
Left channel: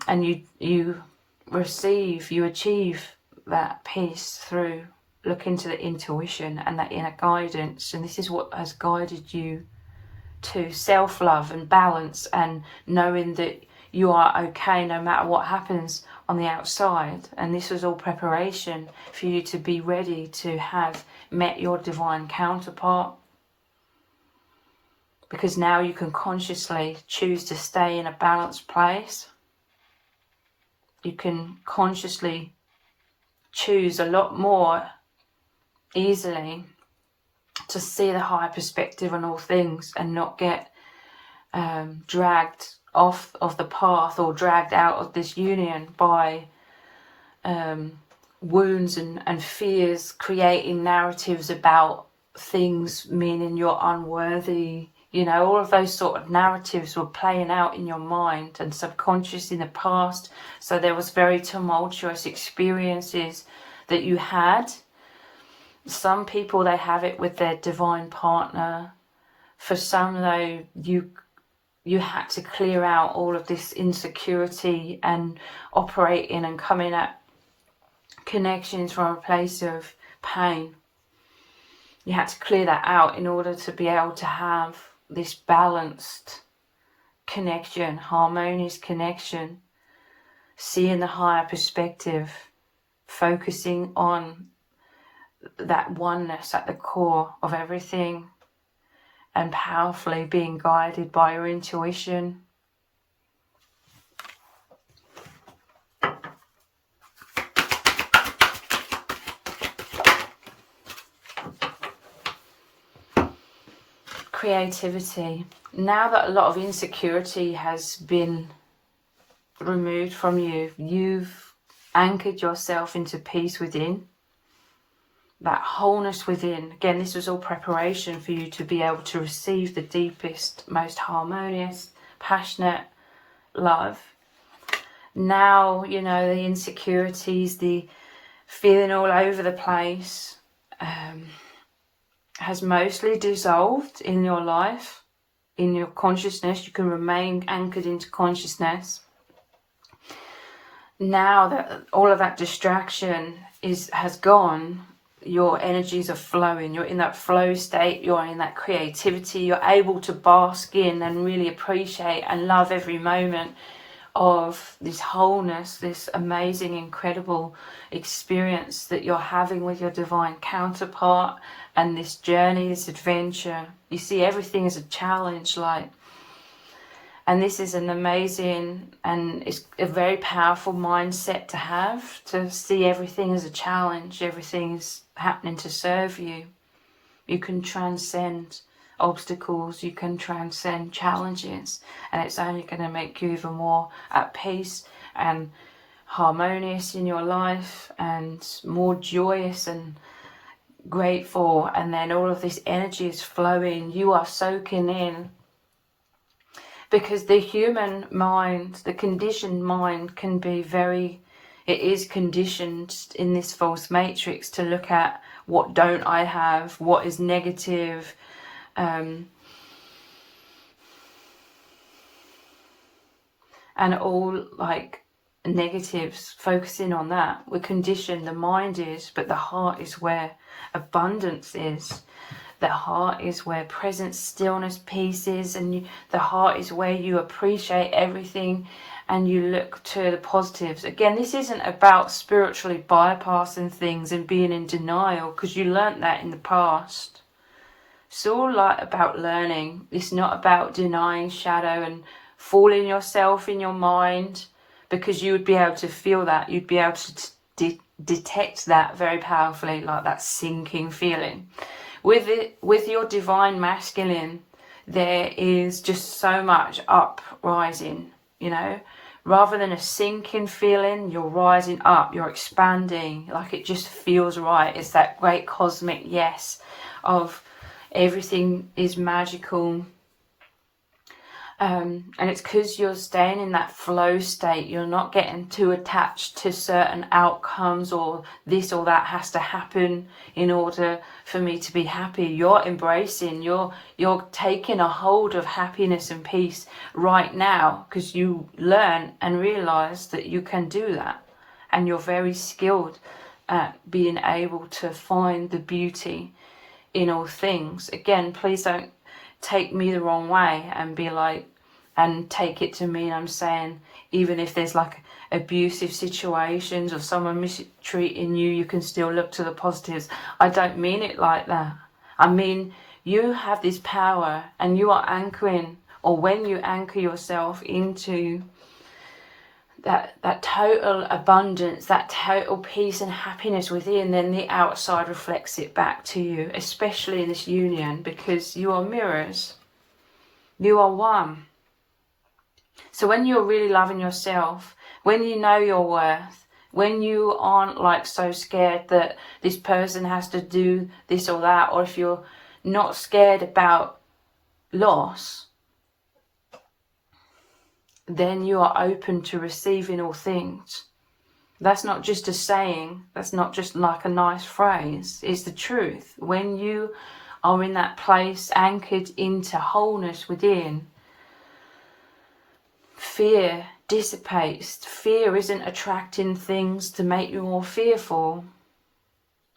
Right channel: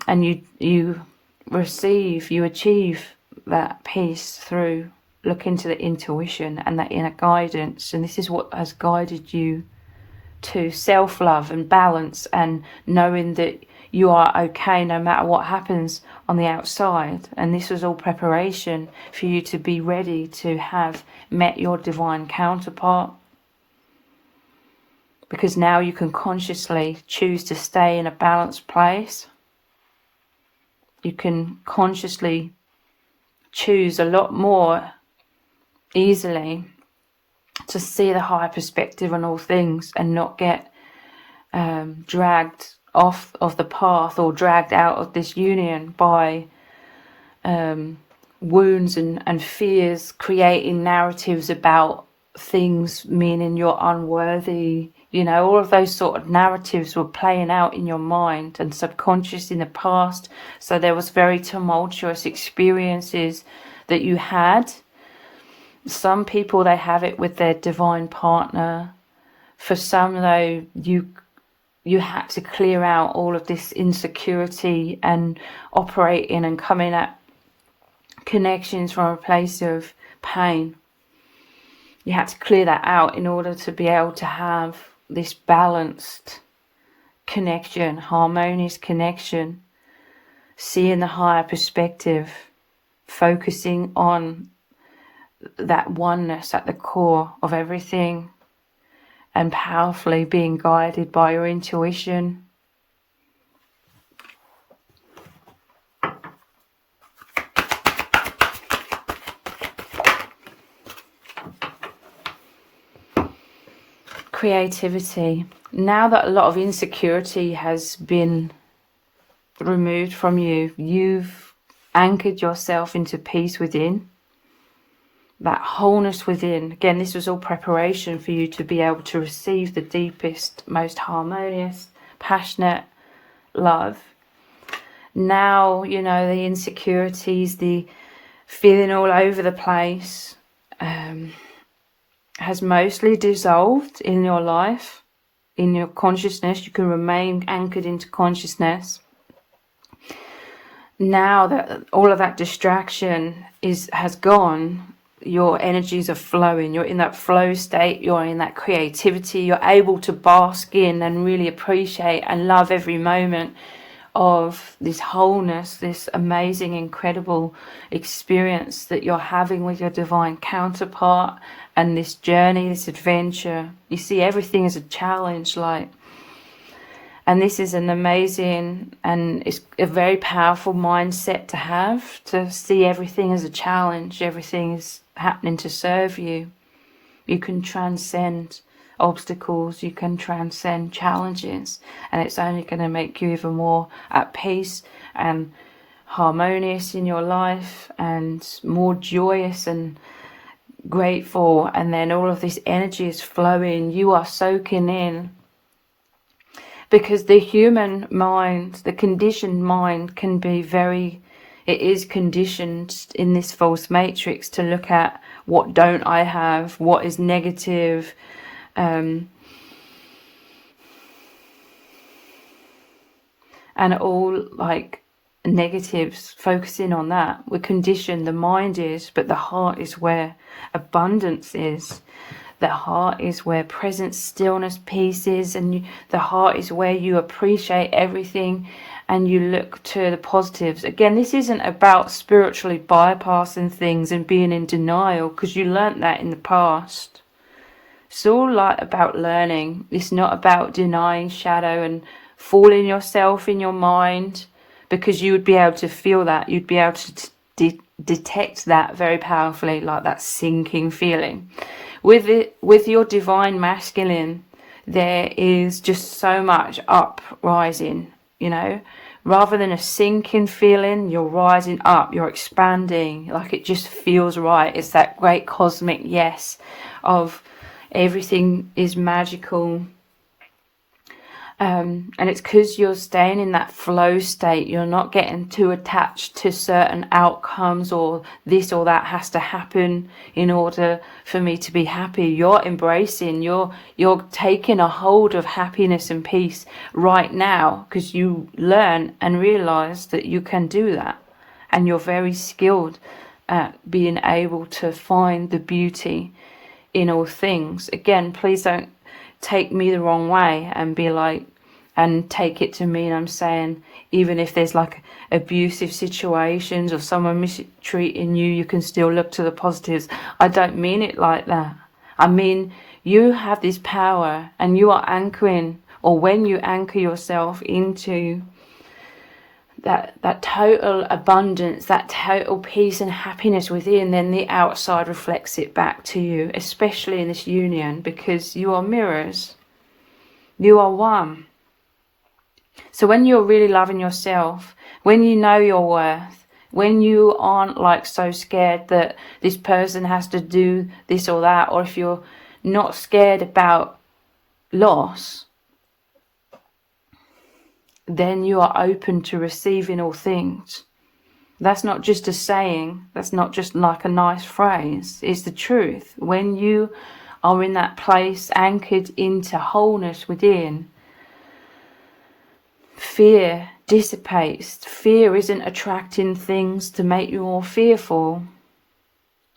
And you achieve that peace through looking to the intuition and that inner guidance. And this is what has guided you to self-love and balance, and knowing that you are okay no matter what happens on the outside. And this was all preparation for you to be ready to have met your divine counterpart, because now you can consciously choose to stay in a balanced place. You can consciously choose a lot more easily to see the higher perspective on all things, and not get dragged off of the path or dragged out of this union by wounds and fears, creating narratives about things, meaning you're unworthy. You know, all of those sort of narratives were playing out in your mind and subconscious in the past. So there was very tumultuous experiences that you had. Some people, they have it with their divine partner. For some, though, you had to clear out all of this insecurity and operate in and come in at connections from a place of pain. You had to clear that out in order to be able to have this balanced connection, harmonious connection, seeing the higher perspective, focusing on that oneness at the core of everything, and powerfully being guided by your intuition. Creativity. Now that a lot of insecurity has been removed from you, you've anchored yourself into peace within, that wholeness within. Again, this was all preparation for you to be able to receive the deepest, most harmonious, passionate love. Now, you know, the insecurities, the feeling all over the place has mostly dissolved in your life, in your consciousness. You can remain anchored into consciousness. Now that all of that distraction has gone, your energies are flowing, you're in that flow state, you're in that creativity, you're able to bask in and really appreciate and love every moment of this wholeness, this amazing, incredible experience that you're having with your divine counterpart, and this journey, this adventure. You see everything as a challenge, and this is an amazing, and it's a very powerful mindset to have, to see everything as a challenge. Everything is happening to serve you. You can transcend obstacles, you can transcend challenges, and it's only going to make you even more at peace and harmonious in your life, and more joyous and grateful. And then all of this energy is flowing, you are soaking in, because the human mind, the conditioned mind, can be very, it is conditioned in this false matrix to look at what don't I have, what is negative, and all like negatives, focusing on that. We're conditioned, the mind is, but the heart is where abundance is. The heart is where presence, stillness, peace is, and the heart is where you appreciate everything and you look to the positives. Again, this isn't about spiritually bypassing things and being in denial, because you learnt that in the past. It's all like about learning. It's not about denying shadow and fooling yourself in your mind, because you would be able to feel that. You'd be able to detect that very powerfully, like that sinking feeling. With your divine masculine, there is just so much uprising, you know, rather than a sinking feeling. You're rising up, you're expanding, like it just feels right. It's that great cosmic yes of everything is magical. And it's because you're staying in that flow state. You're not getting too attached to certain outcomes, or this or that has to happen in order for me to be happy. You're embracing, you're taking a hold of happiness and peace right now, because you learn and realize that you can do that, and you're very skilled at being able to find the beauty in all things. Again, please don't take me the wrong way and be like, and take it to mean I'm saying even if there's like abusive situations or someone mistreating you, you can still look to the positives. I don't mean it like that. I mean, you have this power, and you are anchoring, or when you anchor yourself into that total abundance, that total peace and happiness within, then the outside reflects it back to you, especially in this union, because you are mirrors. You are one. So when you're really loving yourself, when you know your worth, when you aren't like so scared that this person has to do this or that, or if you're not scared about loss, then you are open to receiving all things. That's not just a saying, that's not just like a nice phrase, it's the truth. When you are in that place anchored into wholeness within, fear dissipates. Fear isn't attracting things to make you more fearful.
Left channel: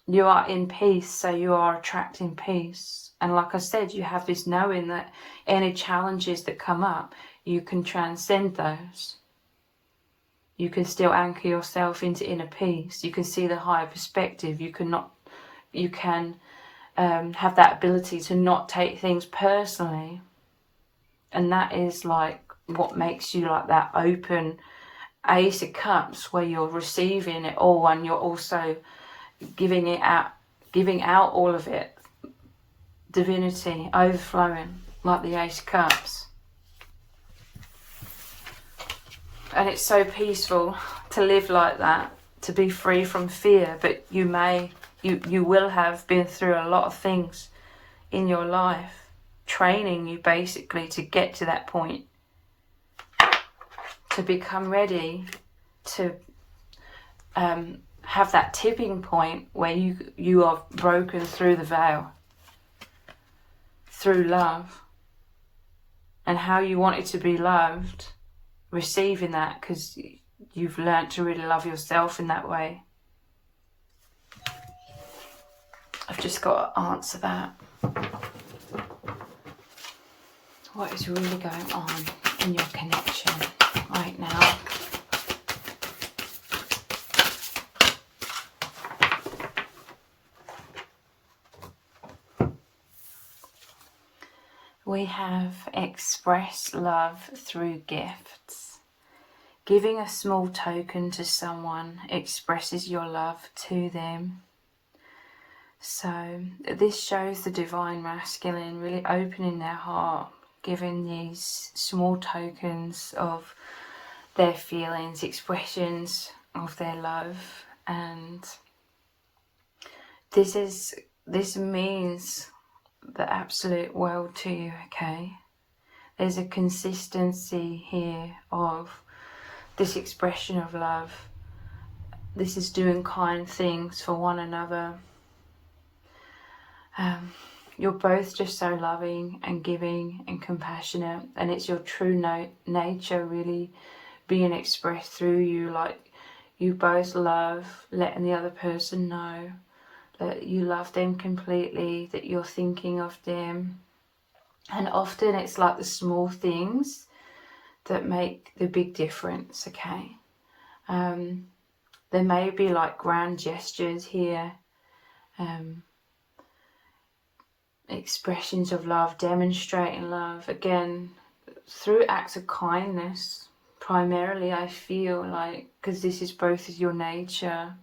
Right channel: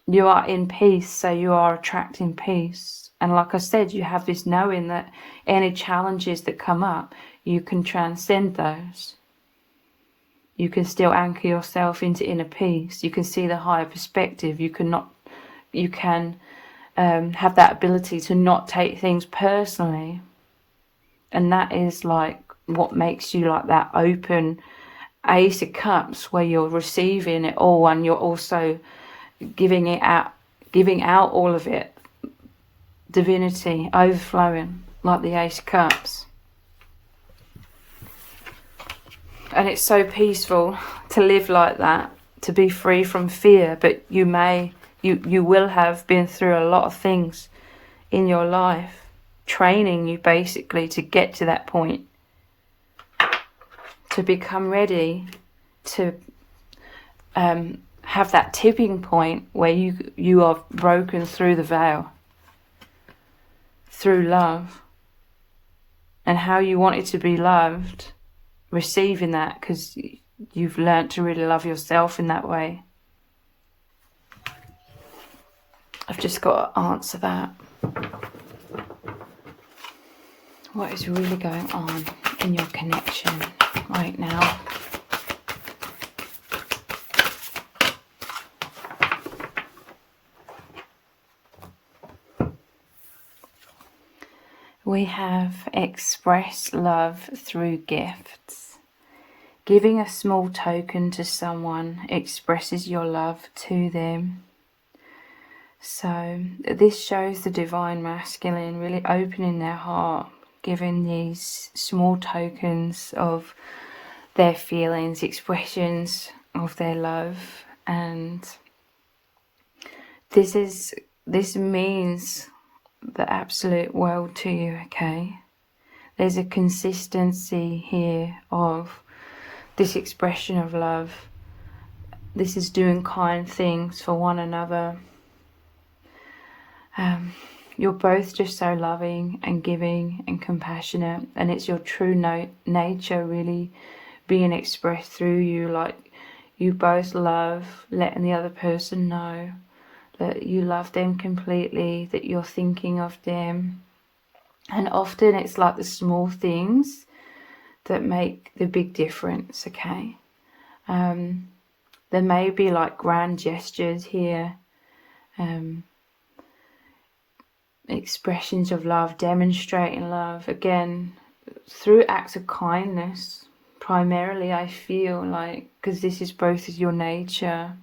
You are in peace, so you are attracting peace. And like I said, you have this knowing that any challenges that come up, you can transcend those. You can still anchor yourself into inner peace. You can see the higher perspective. You can have that ability to not take things personally. And that is like what makes you like that open Ace of Cups, where you're receiving it all and you're also giving out all of it. Divinity overflowing like the Ace of Cups. And it's so peaceful to live like that, to be free from fear. But you will have been through a lot of things in your life, training you basically to get to that point, to become ready to have that tipping point where you are broken through the veil, through love, and how you wanted to be loved, receiving that because you've learnt to really love yourself in that way. I've just got to answer that. What is really going on in your connection right now? We have express love through gifts. Giving a small token to someone expresses your love to them. So this shows the divine masculine really opening their heart, giving these small tokens of their feelings, expressions of their love. And this means the absolute world to you, okay? There's a consistency here of this expression of love. This is doing kind things for one another. You're both just so loving and giving and compassionate, and it's your true nature really being expressed through you. Like, you both love letting the other person know that you love them completely, that you're thinking of them. And often it's like the small things that make the big difference, okay? There may be like grand gestures here, expressions of love, demonstrating love, again, through acts of kindness, primarily, I feel like, because this is both your nature.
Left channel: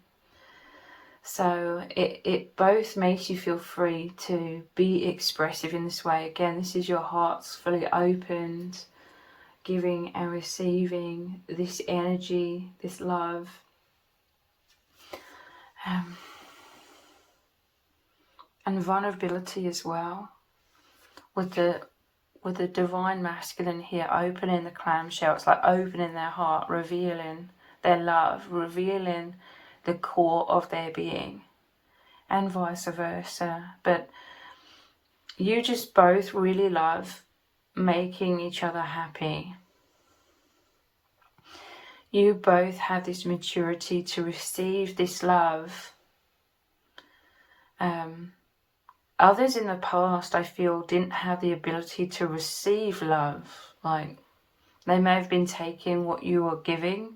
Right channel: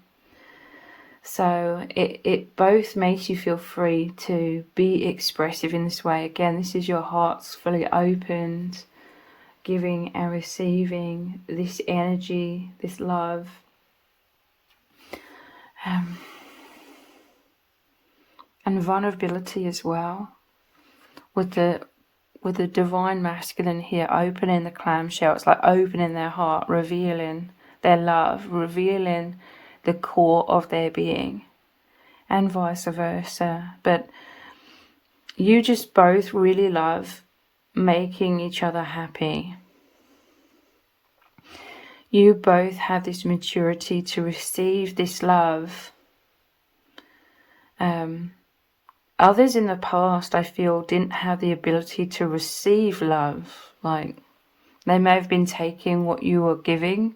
So it both makes you feel free to be expressive in this way. Again, this is your heart's fully opened, giving and receiving this energy, this love. And vulnerability as well, with the divine masculine here opening the clamshell. It's like opening their heart, revealing their love, revealing the core of their being, and vice versa. But you just both really love making each other happy. You both have this maturity to receive this love. Others in the past, I feel, didn't have the ability to receive love. Like, they may have been taking what you were giving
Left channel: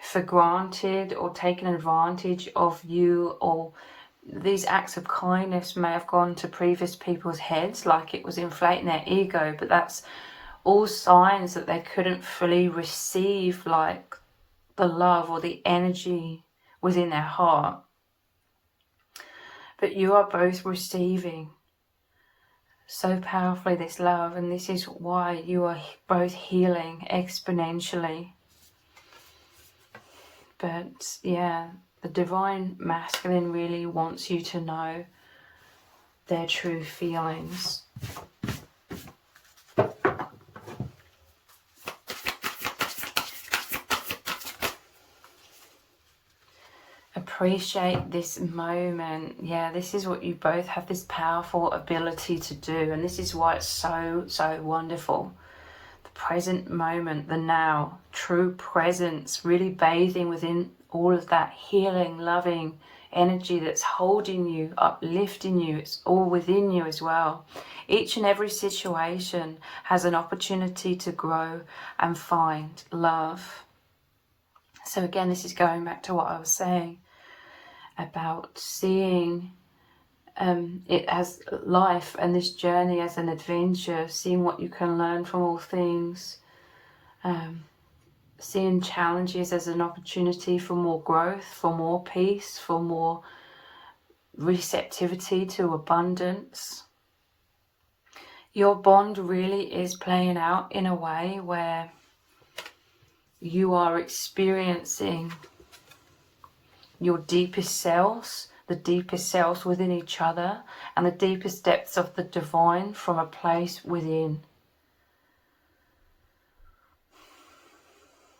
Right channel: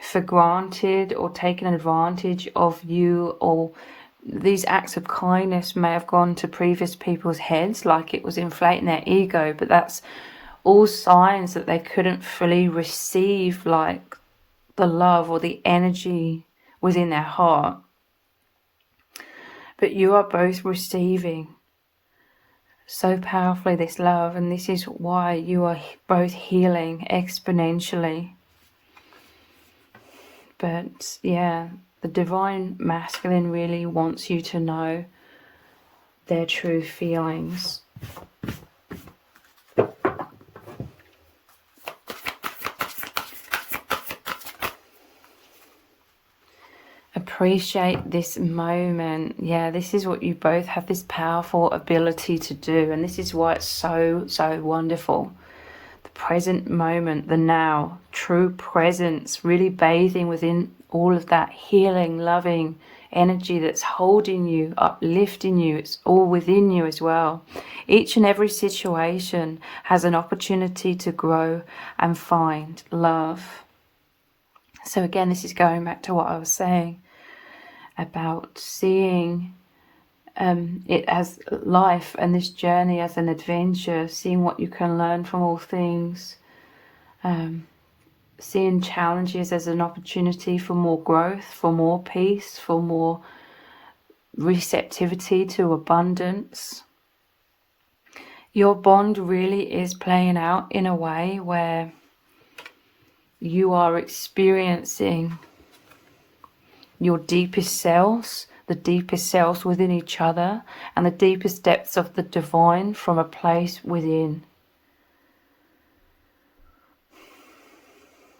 for granted, or taking advantage of you, or these acts of kindness may have gone to previous people's heads like it was inflating their ego. But that's all signs that they couldn't fully receive like the love or the energy within their heart. But you are both receiving so powerfully this love, and this is why you are both healing exponentially. But yeah, the divine masculine really wants you to know their true feelings. Appreciate this moment. Yeah, this is what you both have, this powerful ability to do, and this is why it's so wonderful. The present moment, the now, true presence, really bathing within all of that healing, loving energy that's holding you, uplifting you. It's all within you as well. Each and every situation has an opportunity to grow and find love. So again, this is going back to what I was saying about seeing it as life and this journey as an adventure, seeing what you can learn from all things, seeing challenges as an opportunity for more growth, for more peace, for more receptivity to abundance. Your bond really is playing out in a way where you are experiencing your deepest selves, the deepest selves within each other, and the deepest depths of the divine from a place within,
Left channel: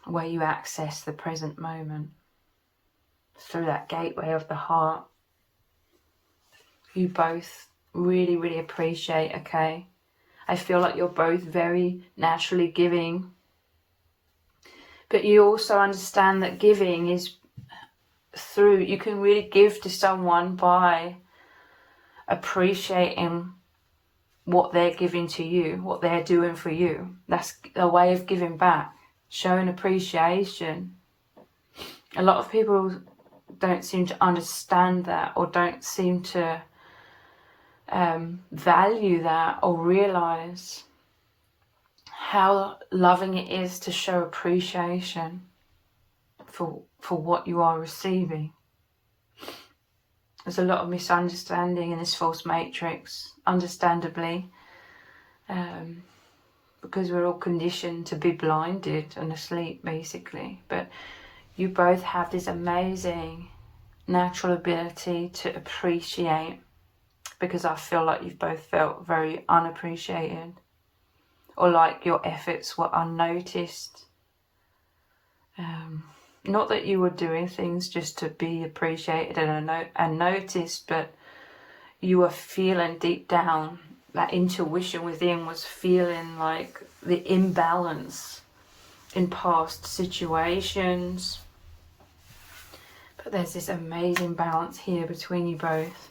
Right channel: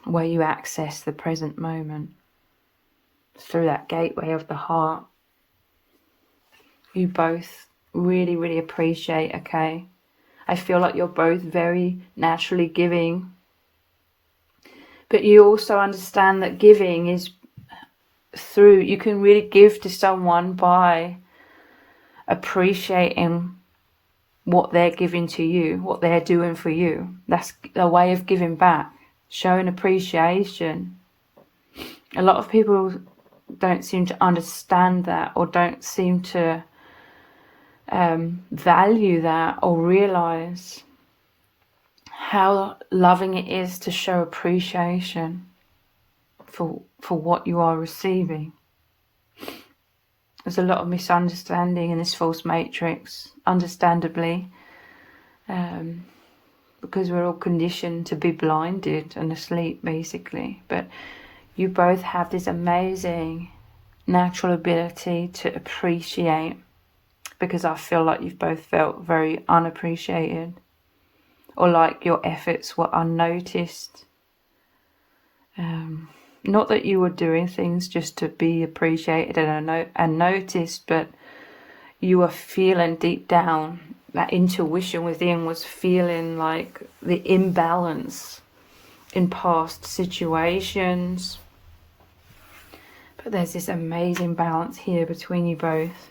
where you access the present moment through that gateway of the heart. You both really appreciate, okay? I feel like you're both very naturally giving, but you also understand that giving is through, you can really give to someone by appreciating what they're giving to you, what they're doing for you. That's a way of giving back, showing appreciation. A lot of people don't seem to understand that, or don't seem to value that, or realize how loving it is to show appreciation for what you are receiving. There's a lot of misunderstanding in this false matrix, understandably, because we're all conditioned to be blinded and asleep, basically. But you both have this amazing natural ability to appreciate, because I feel like you've both felt very unappreciated, or like your efforts were unnoticed. Not that you were doing things just to be appreciated and noticed, but you were feeling deep down, that intuition within was feeling like the imbalance in past situations. But there's this amazing balance here between you both.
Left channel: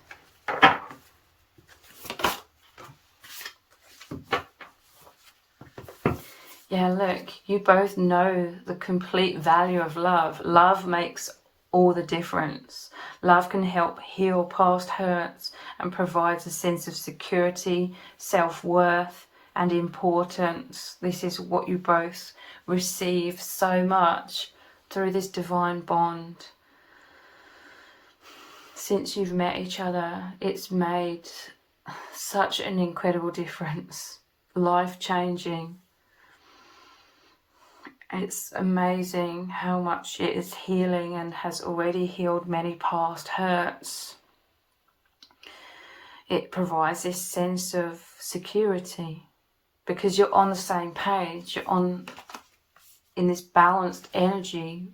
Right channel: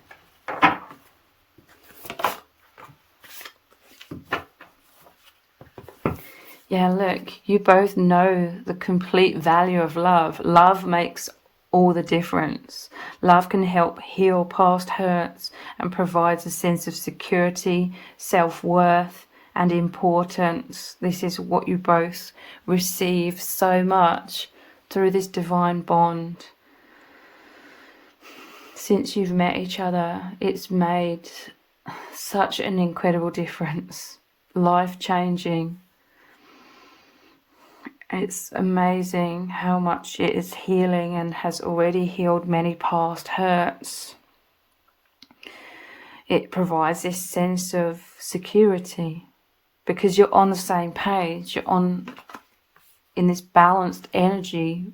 Yeah, look, you both know the complete value of love. Love makes all the difference. Love can help heal past hurts and provides a sense of security, self-worth, and importance. This is what you both receive so much through this divine bond. Since you've met each other, it's made such an incredible difference, life-changing. It's amazing how much it is healing and has already healed many past hurts. It provides this sense of security because you're on the same page, you're in this balanced energy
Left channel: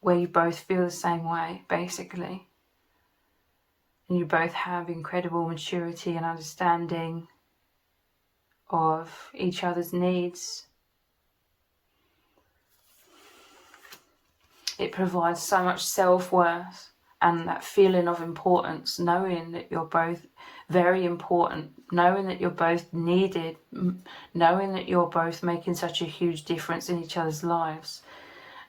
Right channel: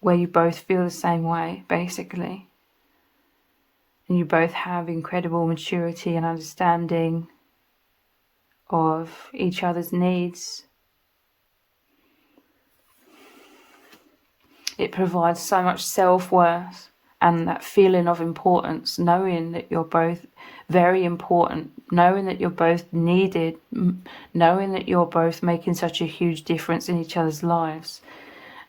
where you both feel the same way, basically. And you both have incredible maturity and understanding of each other's needs. It provides so much self-worth and that feeling of importance, knowing that you're both very important, knowing that you're both needed, knowing that you're both making such a huge difference in each other's lives,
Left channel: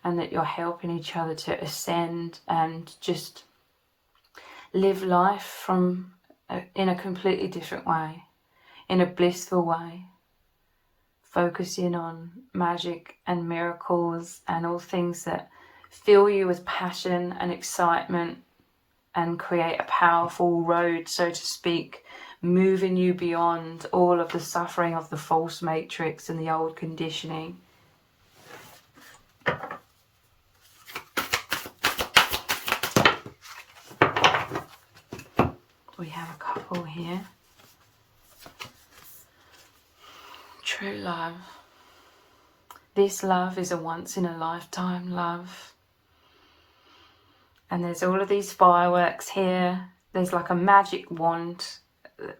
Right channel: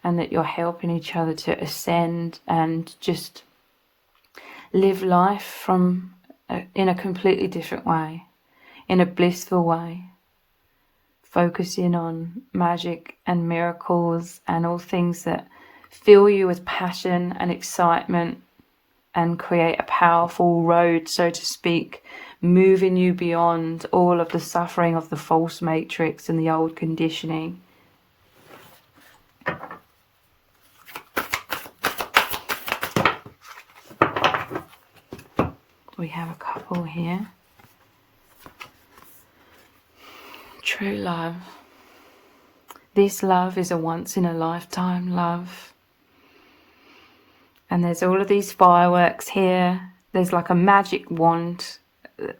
and that you're helping each other to ascend and just live life in a completely different way, in a blissful way, focusing on magic and miracles and all things that fill you with passion and excitement and create a powerful road, so to speak, moving you beyond all of the suffering of the false matrix and the old conditioning. We have a couple here. True love. This love is a once in a lifetime love. And there's all of these fireworks here. There's like a magic wand,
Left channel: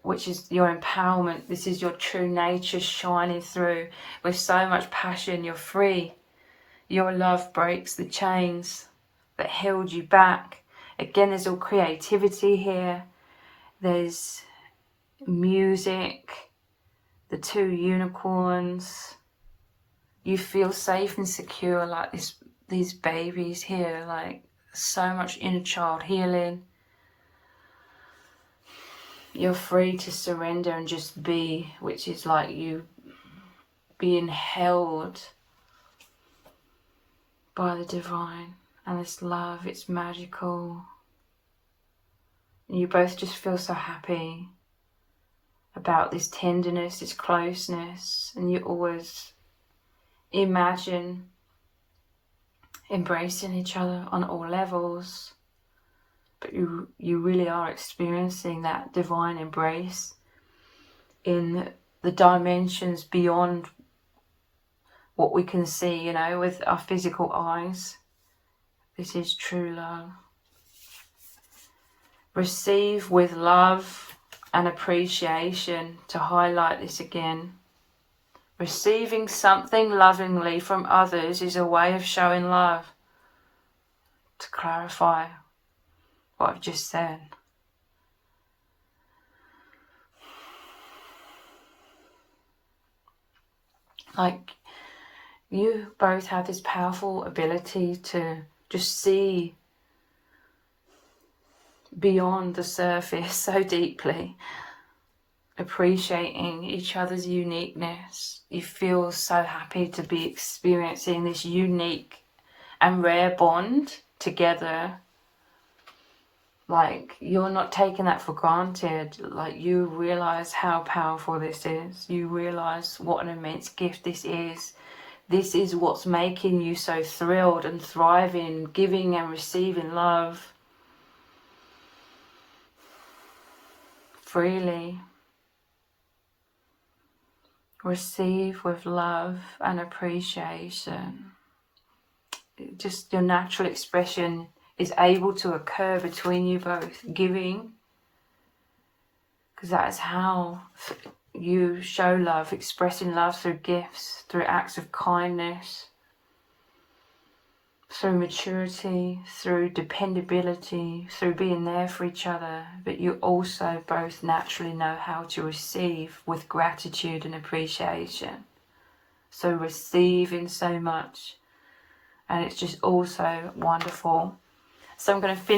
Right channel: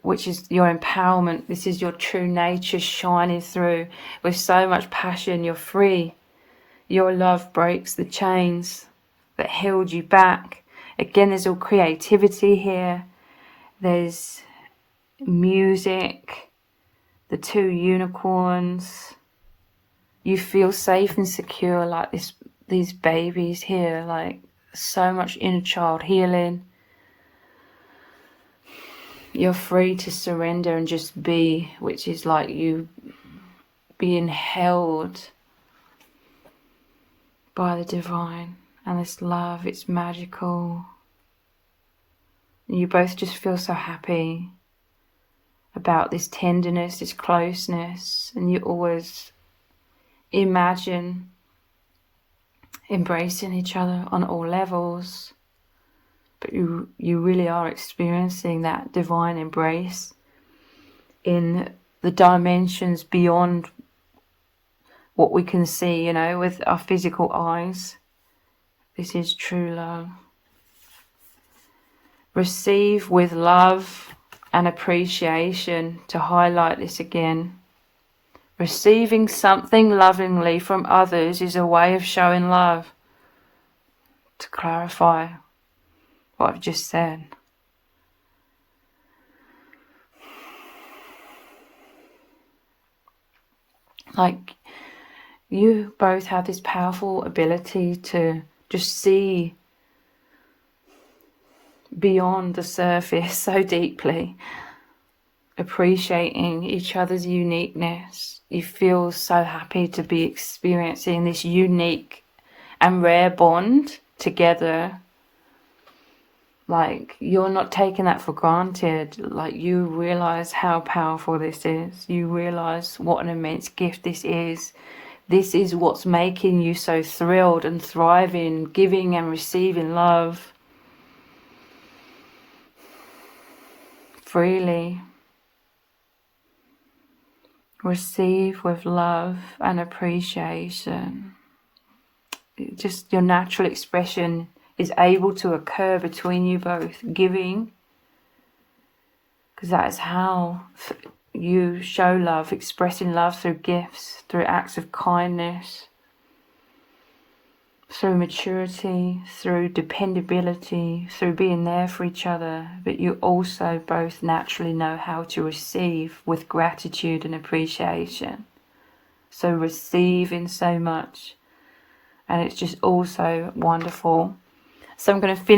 which is your empowerment. This is your true nature shining through with so much passion. You're free. Your love breaks the chains that held you back. Again, there's all creativity here. There's music, the two unicorns. You feel safe and secure like these babies here, like so much inner child healing. You're free to surrender and just be, which is like you being held by the divine and this love. It's magical. And you both just feel so happy about this tenderness, this closeness, and you always imagine embracing each other on all levels, but you really are experiencing that divine embrace in the dimensions beyond what we can see, you know, with our physical eyes. This is true love. Receive with love and appreciation. To highlight this again, receiving something lovingly from others is a way of showing love. To clarify what I've just said. Like, you both have this powerful ability to just see beyond the surface so deeply, appreciating each other's uniqueness. You feel so happy to be experiencing this unique and rare bond together, Like, you're not taking that for granted. Like, you realize how powerful this is. You realize what an immense gift this is. This is what's making you so thrilled and thriving, giving and receiving love freely. Receive with love and appreciation. Just your natural expression is able to occur between you both, giving, because that is how you show love, expressing love through gifts, through acts of kindness, through maturity, through dependability, through being there for each other. But you also both naturally know how to receive with gratitude and appreciation. So receiving so much, and it's just also wonderful. So I'm going to finish